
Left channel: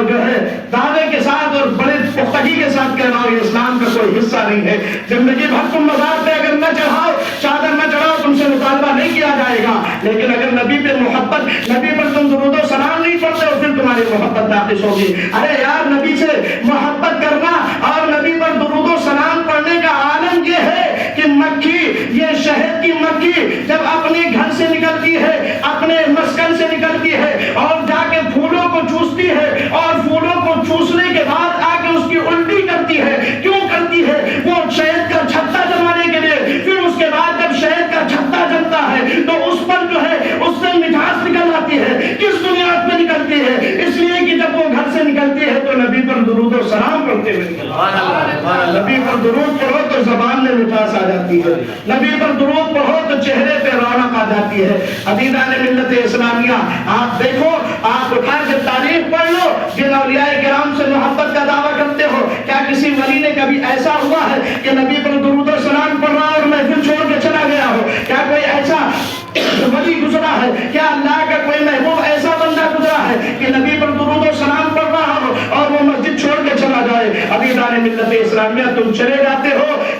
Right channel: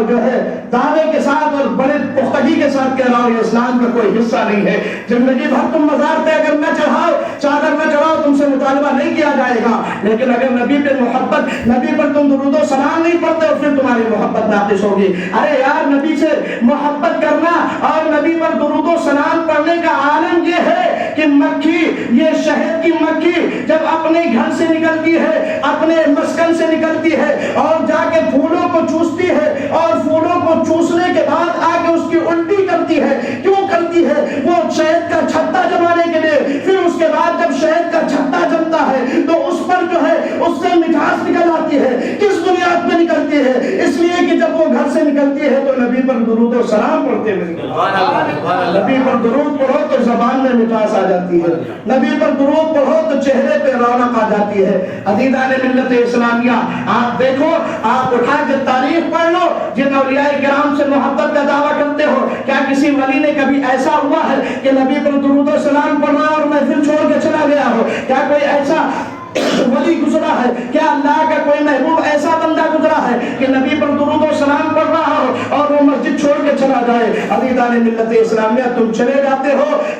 جو ہے دعوے کے ساتھ اور بڑے پختگی کے ساتھ کہہ رہا ہوں یہ اسلام کا کوئی حصہ نہیں ہے۔ زندگی بھر تم مزار پہ اگر نہ چڑھاؤ چادر نہ چڑھاؤ تم سے مطالبہ نہیں کیا جائے گا، لیکن اگر نبی پہ محبت، نبی پر تم درود و سلام نہیں پڑھتے اور پھر تمہاری محبت ناقص ہوگی۔ ارے یار نبی سے محبت کرنا اور نبی پر درود و سلام پڑھنے کا عالم یہ ہے کہ مکھی، یہ شہد کی مکھی جب اپنے گھر سے نکلتی ہے اپنے مسکن سے نکلتی ہے اور جا کے پھولوں کو چوستی ہے اور پھولوں کو چوسنے کے بعد آ کے اس کی الٹی کرتی ہے، کیوں کرتی ہے؟ وہ شہد کا چھتا جمانے کے لیے، پھر اس کے بعد جب شہد کا چھتا جمتا ہے تو اس پر جو ہے اس سے مٹھاس نکل آتی ہے۔ کس بنیاد پہ نکلتی ہے؟ اس لیے کہ جب وہ گھر سے نکلتی ہے تو نبی پر درود و سلام پڑھتے ہوئے نکلتی ہے۔ نبی پر درود پڑھو تو زبان میں مٹھاس آ جاتی ہے، نبی پر درود پڑھو تو چہرے پہ رونق آ جاتی ہے۔ عزیزان ملت اسلامیہ آپ دیکھو، آپ اٹھا کے تاریخ پڑھ لو جن اولیاء کرام سے محبت کا دعویٰ کرتے ہو، کیا کسی ولی نے کبھی ایسا ہوا ہے کہ نبی پر درود و سلام پڑھا اور محفل چھوڑ کے چلا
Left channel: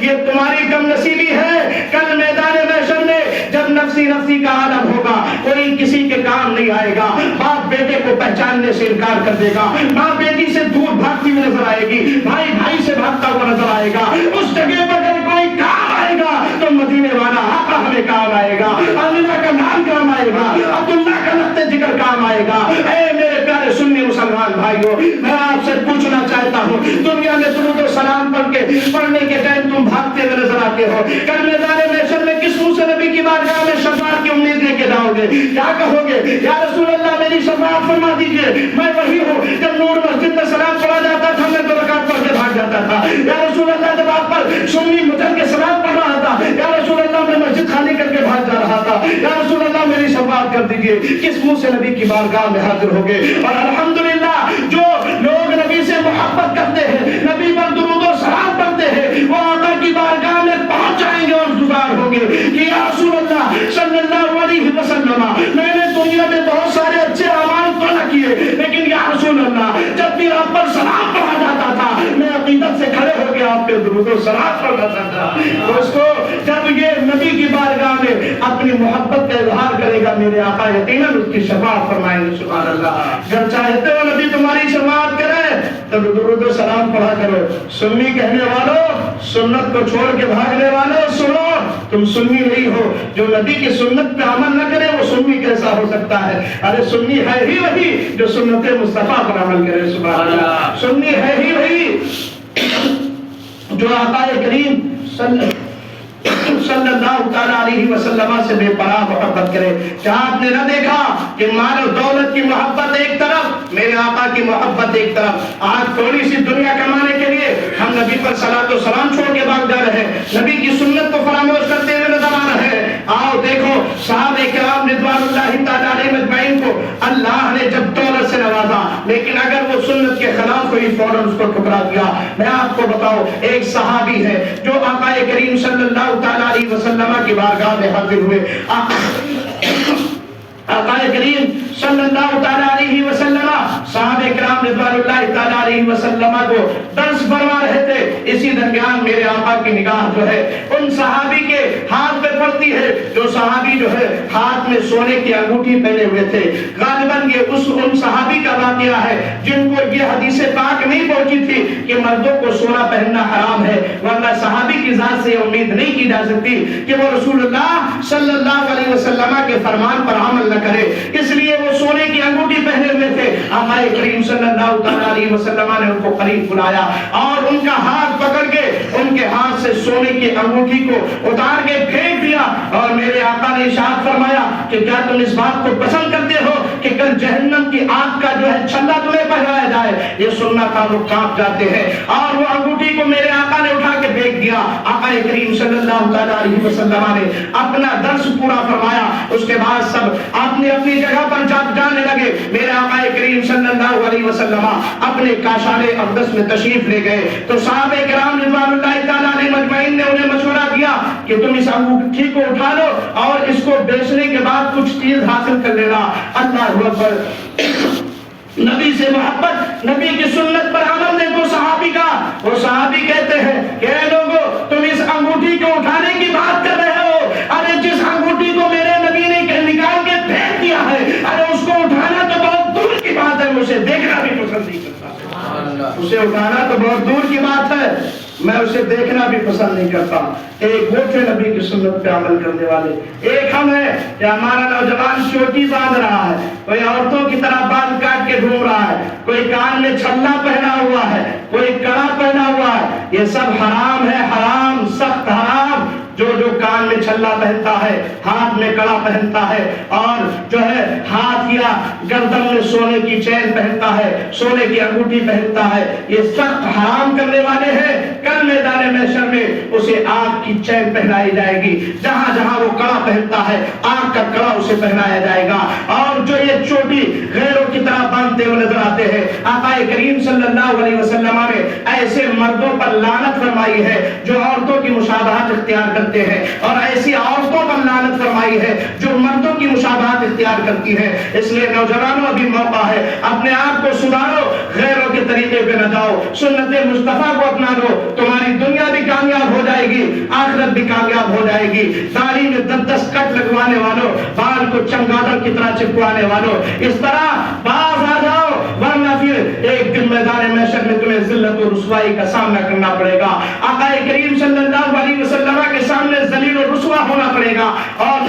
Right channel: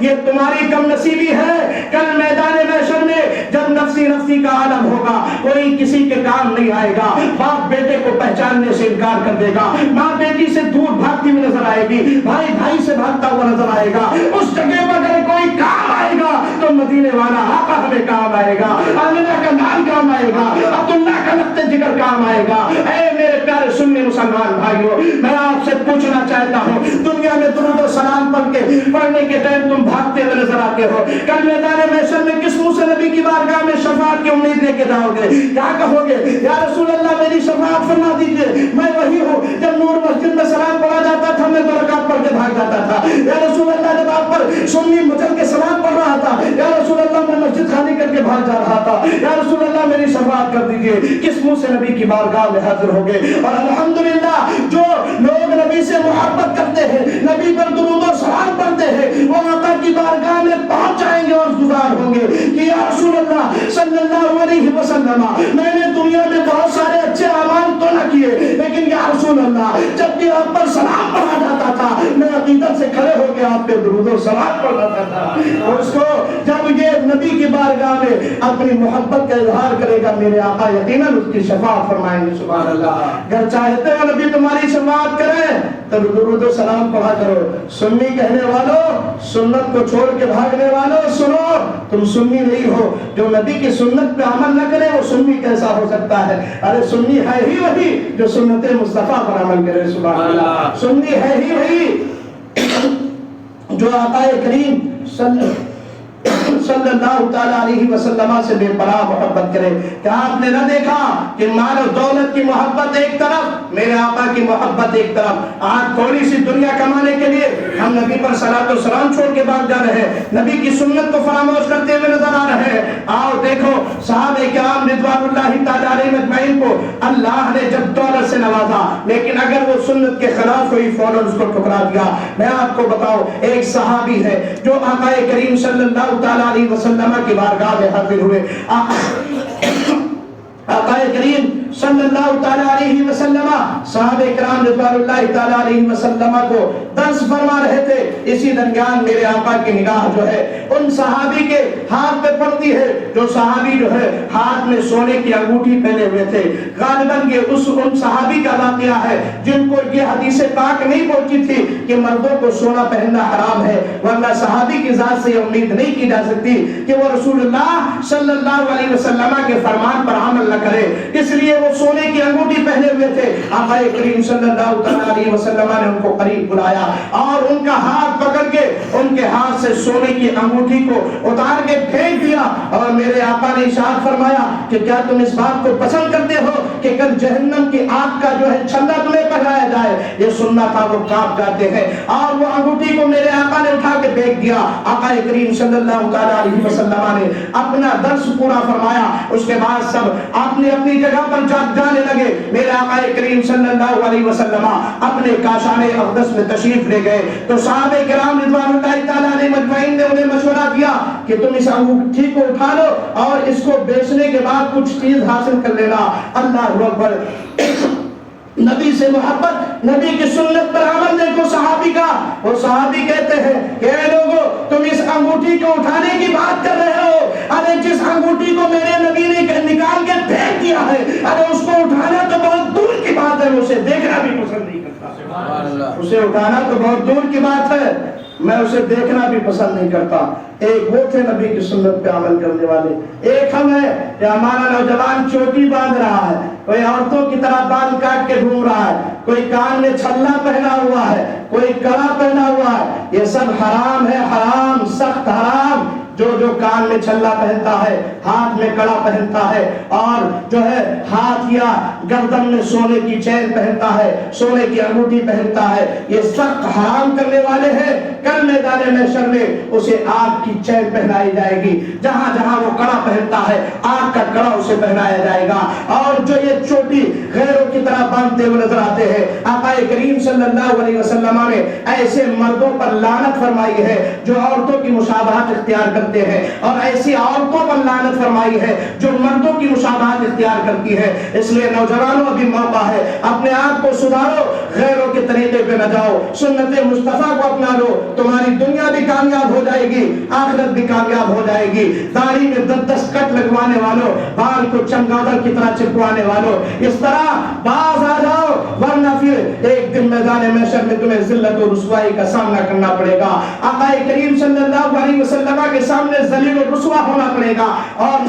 یہ تمہاری کم نصیبی ہے. کل میدان محشر میں جب نفسی نفسی کا عالم ہوگا کوئی کسی کے کام نہیں آئے گا. باپ بیٹے کو پہچاننے سے انکار کر دے گا, ماں بیٹی سے دور بھاگتی ہوئی نظر آئے گی, بھائی بھائی سے بھاگتا ہوا نظر آئے گا. اس جگہ پر اگر کوئی کام آئے گا تو مدینے والا آقا ہمیں کام آئے گا, آمنہ کا نام کام آئے گا, عبداللہ کا لخت جگر کام آئے گا. اے میرے پیارے سنی مسلمان بھائیوں, میں آپ سے پوچھنا چاہتا ہوں, دنیا میں درود و سلام پڑھنے کے ٹائم تم بھاگتے ہوئے نظر آتے ہو, کل میدان محشر میں کس منہ سے نبی کی بارگاہ میں شفاعت کی امید لے کے جاؤ گے؟ کیا کہو گے؟ یا رسول اللہ میری شفاعت فرما دیجیے, میں وہی ہوں جب نور مسجد میں سلام پڑھا جاتا تھا میں 2 رکعت پڑھ کے بھاگ جاتا تھا. یا رسول اللہ جب آپ پر سنی مجھل کے سلام پڑھ رہا تھا, یا رسول اللہ میں مسجد خالی کر کے بھاگ جا رہا تھا. یا رسول اللہ میری شفاعت کر دیجیے. کس منہ سے نبی کی بارگاہ میں حاضر ہو گئے. اور الحمدللہ جو لوگ نبی سے محبت کرتے ہیں, نبی پر درود و سلام پڑھتے ہیں, وہ آقا کی بارگاہ میں پہنچ جائیں گے اور گزار ہوں گے کہ یا رسول اللہ صلی اللہ علیہ وسلم, میں نے دنیا میں بہت سارے اچھے اعمال تو نہ کیے, لیکن یا رسول اللہ جب بھی آپ پر سلام پڑھا جاتا تھا میں عقیدت سے کھڑے ہو کے آپ کے درود و سلام پڑھتا تھا. دوستو جب یہ نبی کی بارگاہ میں اپنی محبت کا اظہار کرے گا میرے آقا یقیناً اس کی شفاعت فرمائیں گے. سبحان اللہ. اگر چاہتے ہو نبی تمہاری شفاعت کرے تو درود و سلام پڑھا کرو. سنی کہنے والوں, سنت کو چھوڑ کے بھاگنے والوں, سنو تم سنی نہیں ہو. جو نبی کی سنت پہ عمل نہ کرے وہ سنی کیسا ہو سکتا ہے؟ ارے سنی ہے ہی وہی جو سنت مصطفیٰ پر عمل کرے. سبحان اللہ. سنی ہے ہی وہی جو آقا کریم صلی اللہ تعالیٰ علیہ وسلم سے بے پناہ محبت کرے. کیا آپ نے نہ دیکھا کہ مال و دولت کی محبت ایک طرف, میرے آقا کی محبت ایک طرف. آج تھوڑی سی دنیا کمانے کے لیے ہم نبی پر صلاۃ و سلام چھوڑ کے بھاگ جا رہے ہیں, نبی کی سنت کو فراموش کرتے ہوئے نظر آ رہے ہیں. آؤ دیکھو صحابہ کرام رضوان اللہ تعالیٰ علیہم اجمعین کو اللہ نے جب دولت سے نوازا, لیکن اگر وہ سنت کے خلاف ہوئی فوراً اس کو ٹھکرا دیا. میں آپ کو بتاؤں, ایک صحابی ہے جو آقا کریم صلی اللہ تعالیٰ علیہ وسلم کی بارگاہ میں حاضر ہوئے. آقا کریم صلی اللہ تعالیٰ علیہ وسلم صحابہ کرام رضوان اللہ تعالیٰ علیہ وسلم کو درس فرما رہے تھے. اسی درمیان میرے آقا کی نگاہ جو ہے ان صحابی کے ہاتھ پہ پڑتی ہے جو صحابی جو ہے ہاتھ میں سونے کی انگوٹھی پہنے ہوئے تھے. غالباً یہ ان صحابی کا واقعہ ہے جن کو یہ حدیث پاک نہیں پہنچی تھی کہ مردوں کو سونا پہننا حرام ہے, ورنہ صحابی کی ذات سے امید نہیں کی جا سکتی کہ وہ رسول اللہ صلی اللہ علیہ وسلم کے فرمان پر عمل نہ کرے. اس لیے وہ سونے کی انگوٹھی پہنے ہوئے تھے. آقا کریم صلی اللہ تعالیٰ علیہ وسلم نے ان کو قریب بلایا اور ان کا ہاتھ پکڑ کے ان کے ہاتھ سے سونے کی انگوٹھی کو اتار کے پھینک دیا. اور میرے آقا نے ارشاد فرمایا کہ کیا تم اس بات کو پسند کرتے ہو کہ کل جہنم کی آگ کا جو ہے چھلا تمہیں پہنایا جائے؟ یہ سننا تھا, وہ کانپ جاتے ہیں. اور وہ انگوٹھی کو میرے آقا نے اٹھا کے پھینک دیا. آقا کریم صلی اللہ تعالیٰ علیہ وسلم نے اپنا درس پورا فرمایا. اس کے بعد سب اپنی اپنی جگہ پر جانے لگے. میرے آقا کریم صلی اللہ علیہ وسلم اپنے کاشان اقدس میں تشریف لے گئے تو صحابہ کرام رضوان اللہ تعالیٰ علیہ مجمعین نے انہیں مشورہ دیا کہ تم اس انگوٹھی کو اٹھا لو اور اس کو بیچنے کے بعد کچھ چیز حاصل کر لینا. اللہ اکبر. نبی سے محبت, نبی کی سنت پر عمل دیکھو صحابی کا. وہ صحابی کہتے ہیں کہ اے لوگو تم اس انگوٹھی کو اٹھانے کی بات کر رہے ہو, ارے جس انگوٹھی کو میرے نبی نے نکال کے پھینک دیا ہے, ارے اس کو اٹھانا تو بہت دور کی بات ہے, اسے دیکھنا بھی پسند نہیں کرتا. اسے اٹھانا تو بہت دور کی بات ہے, میں اسے دیکھنا بھی پسند نہیں کرتا. ایک وہ تھے نبی کی سنت پہ عمل کرنے والے, ایک ہم ہیں کہ ہمارا نوجوان چوٹی باندھ رہا ہے, کوئی عورتوں کی طرح بال کاٹ کے گھوم رہا ہے, کوئی کان میں چھلا پہنا ہوا ہے, کوئی کڑا پہنا ہوا ہے. یہ سب حرام ہے, حرام, سخت حرام. جو کان میں چھلا پہنتا ہے, ہاتھ میں کڑا پہنتا ہے اور جو ہے ہاتھ یا گردن میں سونے کی چین پہنتا ہے, سونے کی انگوٹھی پہنتا ہے, یہ سخت حرام کرنے والے ہیں. کل میدان محشر میں اسے آگ کی چین پہنائی جائے گی. جہاں جہاں وہ کڑا پہنتا ہے آگ کا کڑا اسے پہنایا جائے گا. اور جو یہ چوٹی غیروں کی طرح باندھتے ہوئے نظر آتے ہیں, آقا کریم صلی اللہ علیہ وسلم نے ایسے مردوں پر لعنت فرمائی ہے جو عورتوں کی مشابہت اختیار کرتے ہیں اور ایسے ایسی عورتوں پر لعنت فرمائی ہے جو مردوں کی مشابہت اختیار کرتی ہے. اس لیے نوجوانوں ابھی موقع ہے, اپنے آپ کو سدھارو, غیروں کے طریقے پہ نہ جاؤ, سنت مصطفیٰ کو اپنا لو. تمہاری دنیا بھی کامیاب ہو جائے گی, آخرت بھی کامیاب ہو جائے گی. داڑھی میں 10 کٹ لگوانے والوں, بال کو چمگادڑ کی طرح چپکوانے والوں, اس طرح باز آ جاؤ, ورنہ پھر ایک دن میدان محشر میں تمہیں ذلت و رسوائی کا سامنا کرنا پڑے گا. آقا کریم صلی اللہ علیہ وسلم کے سامنے ذلیل و رسوا ہونا پڑے گا, اور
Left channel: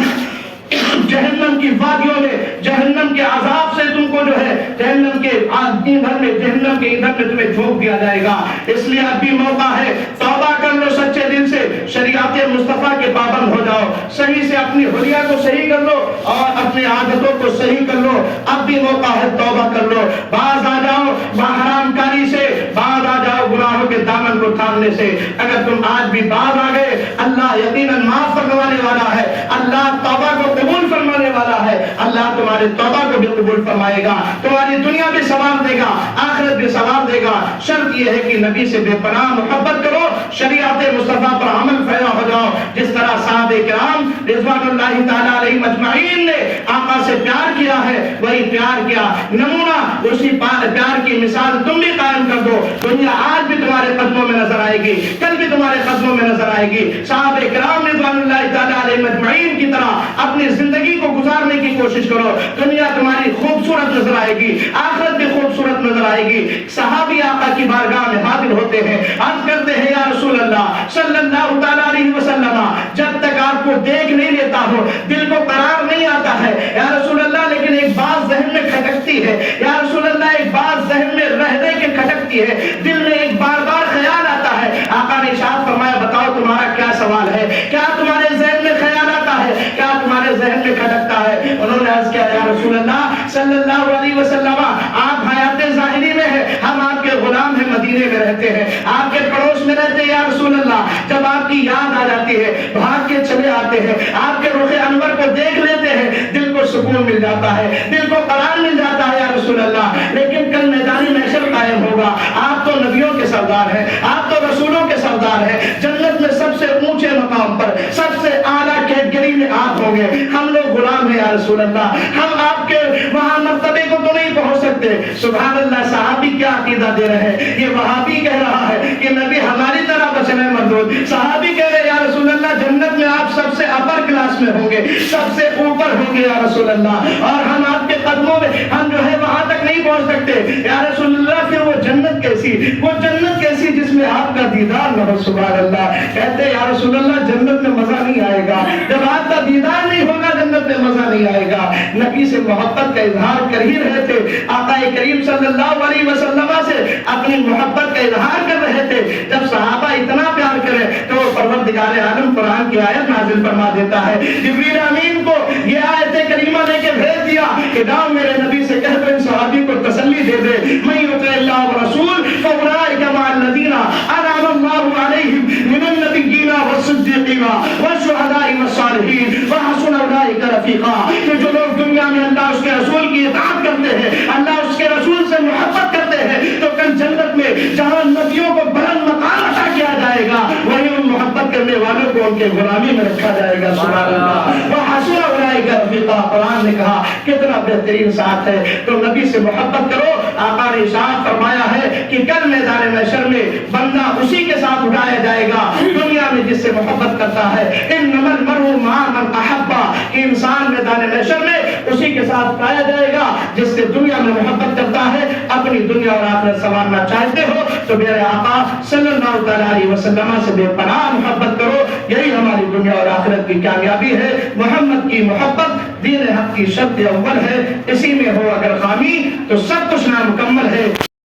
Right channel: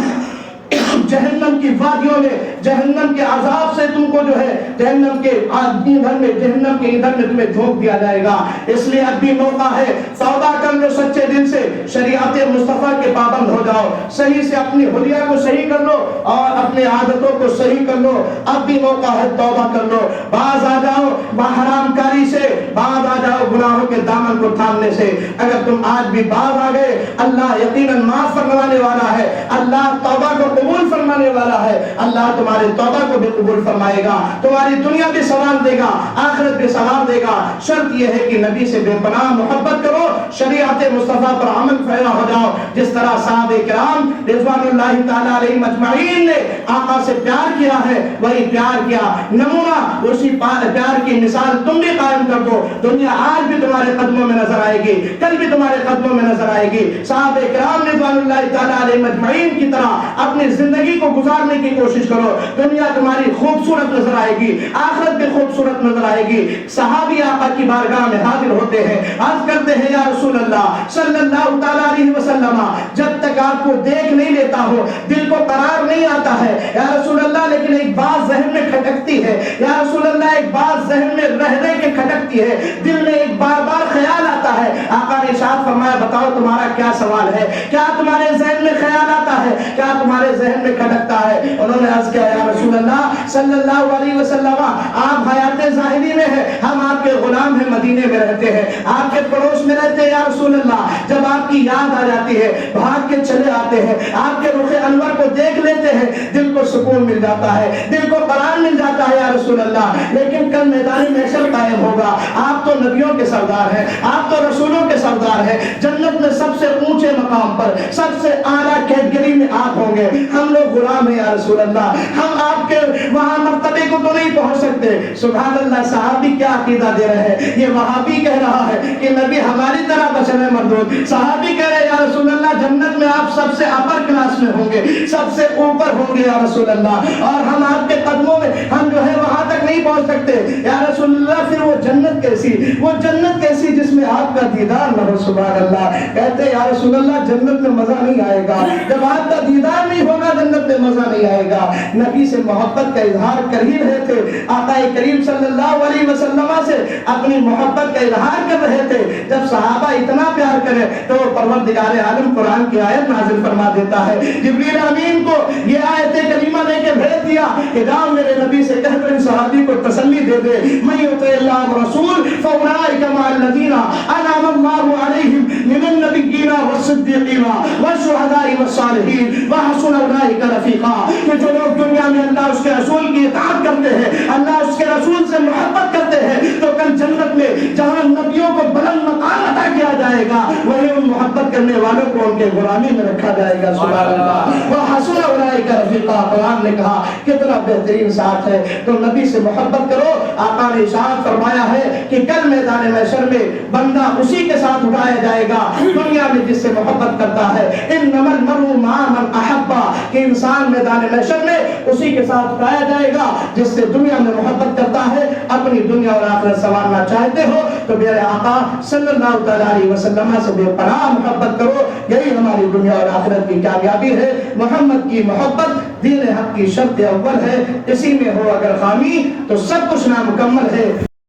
جہنم کی وادیوں میں, جہنم کے عذاب سے تم کو جو ہے جہنم کے ادھر میں, جہنم کے ادھر میں تمہیں جھونک دیا جائے گا. اس لیے اب بھی موقع ہے, توبہ کر لو سچے دل سے, شریعت مصطفیٰ کے پابند ہو جاؤ, صحیح سے اپنی حلیہ کو صحیح کر لو اور اپنے عادتوں کو صحیح کر لو. اب بھی موقع ہے, توبہ کر لو, باز آ جاؤ حرام کاری سے, باز آ جاؤ گناہوں کے دامن کو تھامنے سے. اگر تم آج بھی باز آ گئے, اللہ یقیناً معاف فرمانے والا ہے, اللہ توبہ کو قبول فرمانے والا ہے, اللہ تمہارے توبہ کو بھی قبول فرمائے گا, تمہاری دنیا بھی سنوار دے گا, آخرت بھی سنوار دے گا. شرط یہ ہے کہ نبی سے بے پناہ محبت کرو, شریعت مصطفیٰ پر عمل پیرا ہو جاؤ. جس طرح صحابہ کرام رضوان اللہ تعالی علیہم اجمعین نے آقا سے پیار کیا ہے, وہی پیار کیا نمونہ, اسی پیار کی مثال تم بھی قائم کر دو. دنیا آج بھی تمہارے قدموں میں نظر آئے گی, کل بھی تمہارے قدموں میں نظر آئے گی. صحابہ کرام رضوان اللہ تعالی علیہم اجمعین کی طرح اپنی زندگی کو گزارنے کی کوشش کرو. دنیا تمہاری خوبصورت نظر آئے گی, آخرت بھی خوبصورت نظر آئے گی. صحابی آقا کی بارگاہ میں حاضر ہوتے ہیں, عرض کرتے ہیں یا رسول اللہ صلی اللہ تعالی علیہ وسلم, جب تک آپ کو دیکھ نہیں لیتا ہو دل کو قرار نہیں آتا ہے یا رسول اللہ, لیکن ایک بات ذہن میں کھٹکتی ہے یا رسول اللہ, ایک بات ذہن میں رہنے کے کھٹکتی ہے, دل میں ایک بار بار خیال آتا ہے. آقا نے ارشاد فرمایا بتاؤ تمہارا کیا سوال ہے, کیا تمہارے ذہن میں خیال آتا ہے, کیا تمہارے ذہن میں کھٹکتا ہے؟ انہوں نے عرض کیا یا رسول اللہ صلی اللہ علیہ وسلم, آپ حیات ظاہری میں ہیں, ہم آپ کے غلام ہیں, مدینے میں رہتے ہیں, آپ کے پڑوس میں رہتے ہیں یا رسول اللہ. جب آپ کی یاد آ جاتی ہے بھاگ کے چلے آتے ہیں, آپ کے رخ انور کو دیکھ لیتے ہیں, دل کو سکون مل جاتا ہے, دل کو قرار مل جاتا ہے یا رسول اللہ. لیکن کل میدان محشر قائم ہوگا, آپ تو نبیوں کے سردار ہیں, آپ تو رسولوں کے سردار ہیں, جنت میں سب سے اونچے مقام پر سب سے اعلیٰ کیٹگری میں آپ ہوں گے, ہم لوگ غلام ہیں یا رسول اللہ, ہم آپ کے وہاں مرتبے کو تو نہیں پہنچ سکتے. سبحان اللہ, صحابی کیا عقیدہ دے رہے ہیں, یہ وہابی کہہ رہا ہے کہ نبی ہماری طرح بچنے مردود. صحابی کہہ رہے ہیں یا رسول اللہ جنت میں آپ سب سے اپر کلاس میں ہوں گے, سب سے اوپر ہوں گے یا رسول اللہ, اور ہم آپ کے قدموں میں ہم جو ہے وہاں تک نہیں پہنچ سکتے یا رسول اللہ. پھر وہ جنت کیسی, وہ جنت کیسی جس میں آپ کا دیدار نہ ہو. سبحان اللہ. کہتے یا رسول اللہ جنت میں مزہ نہیں آئے گا, جب آپ کا دیدار نہیں ہوگا جنت میں مزہ نہیں آئے گا. نبی سے محبت کا اظہار کر ہی رہے تھے, آقا کریم صلی اللہ علیہ وسلم سے اپنی محبت کا اظہار کر رہے تھے. جب صحابہ اتنا پیار کرے تو پروردگار عالم قرآن کی آیت نازل فرما دیتا ہے. جبریل امین کو یہ آیت کریمہ لے کے بھیج دیا کہ جاؤ میرے نبی سے کہہ دو ان صحابی کو تسلی دے دے, من یطع اللہ ورسول فاولئک مع الذین انعم اللہ علیہم من النبیین والصدیقین والشہداء والصالحین وحسن اولئک رفیقا. کہ جو لوگ دنیا میں اللہ اس کے رسول کی اطاعت کرتے ہیں, اللہ اس کے رسول سے محبت کرتے ہیں, تو کل جنت میں جہاں نبیوں کو بلند مقام عطا کیا جائے گا, وہی ان محبت کرنے والوں کو ان کے غلامی میں رکھا جائے گا. سبحان اللہ. وحسن اولئک رفیقا, قرآن نے کہا کتنا بہترین ساتھ ہے. تو نبی سے محبت کرو. آقا نے ارشاد فرمایا ہے کہ کل میدان محشر میں بندہ اسی کے ساتھ اٹھایا جائے گا دنیا میں جس سے محبت کرتا ہے. انما المرء مع من احب, کہ انسان میدان محشر میں اسی کے ساتھ پایا جائے گا جس سے دنیا میں محبت کرتا ہے. اپنی دنیا اور آخرت سنوارنا چاہتے ہو تو میرے آقا صلی اللہ علیہ وسلم سے بے پناہ محبت کرو, یہی ہماری دنیا اور آخرت کی کامیابی ہے. محمد کی محبت دین حق کی شرط اول ہے, اسی میں ہو اگر خامی تو سب کچھ نامکمل ہے.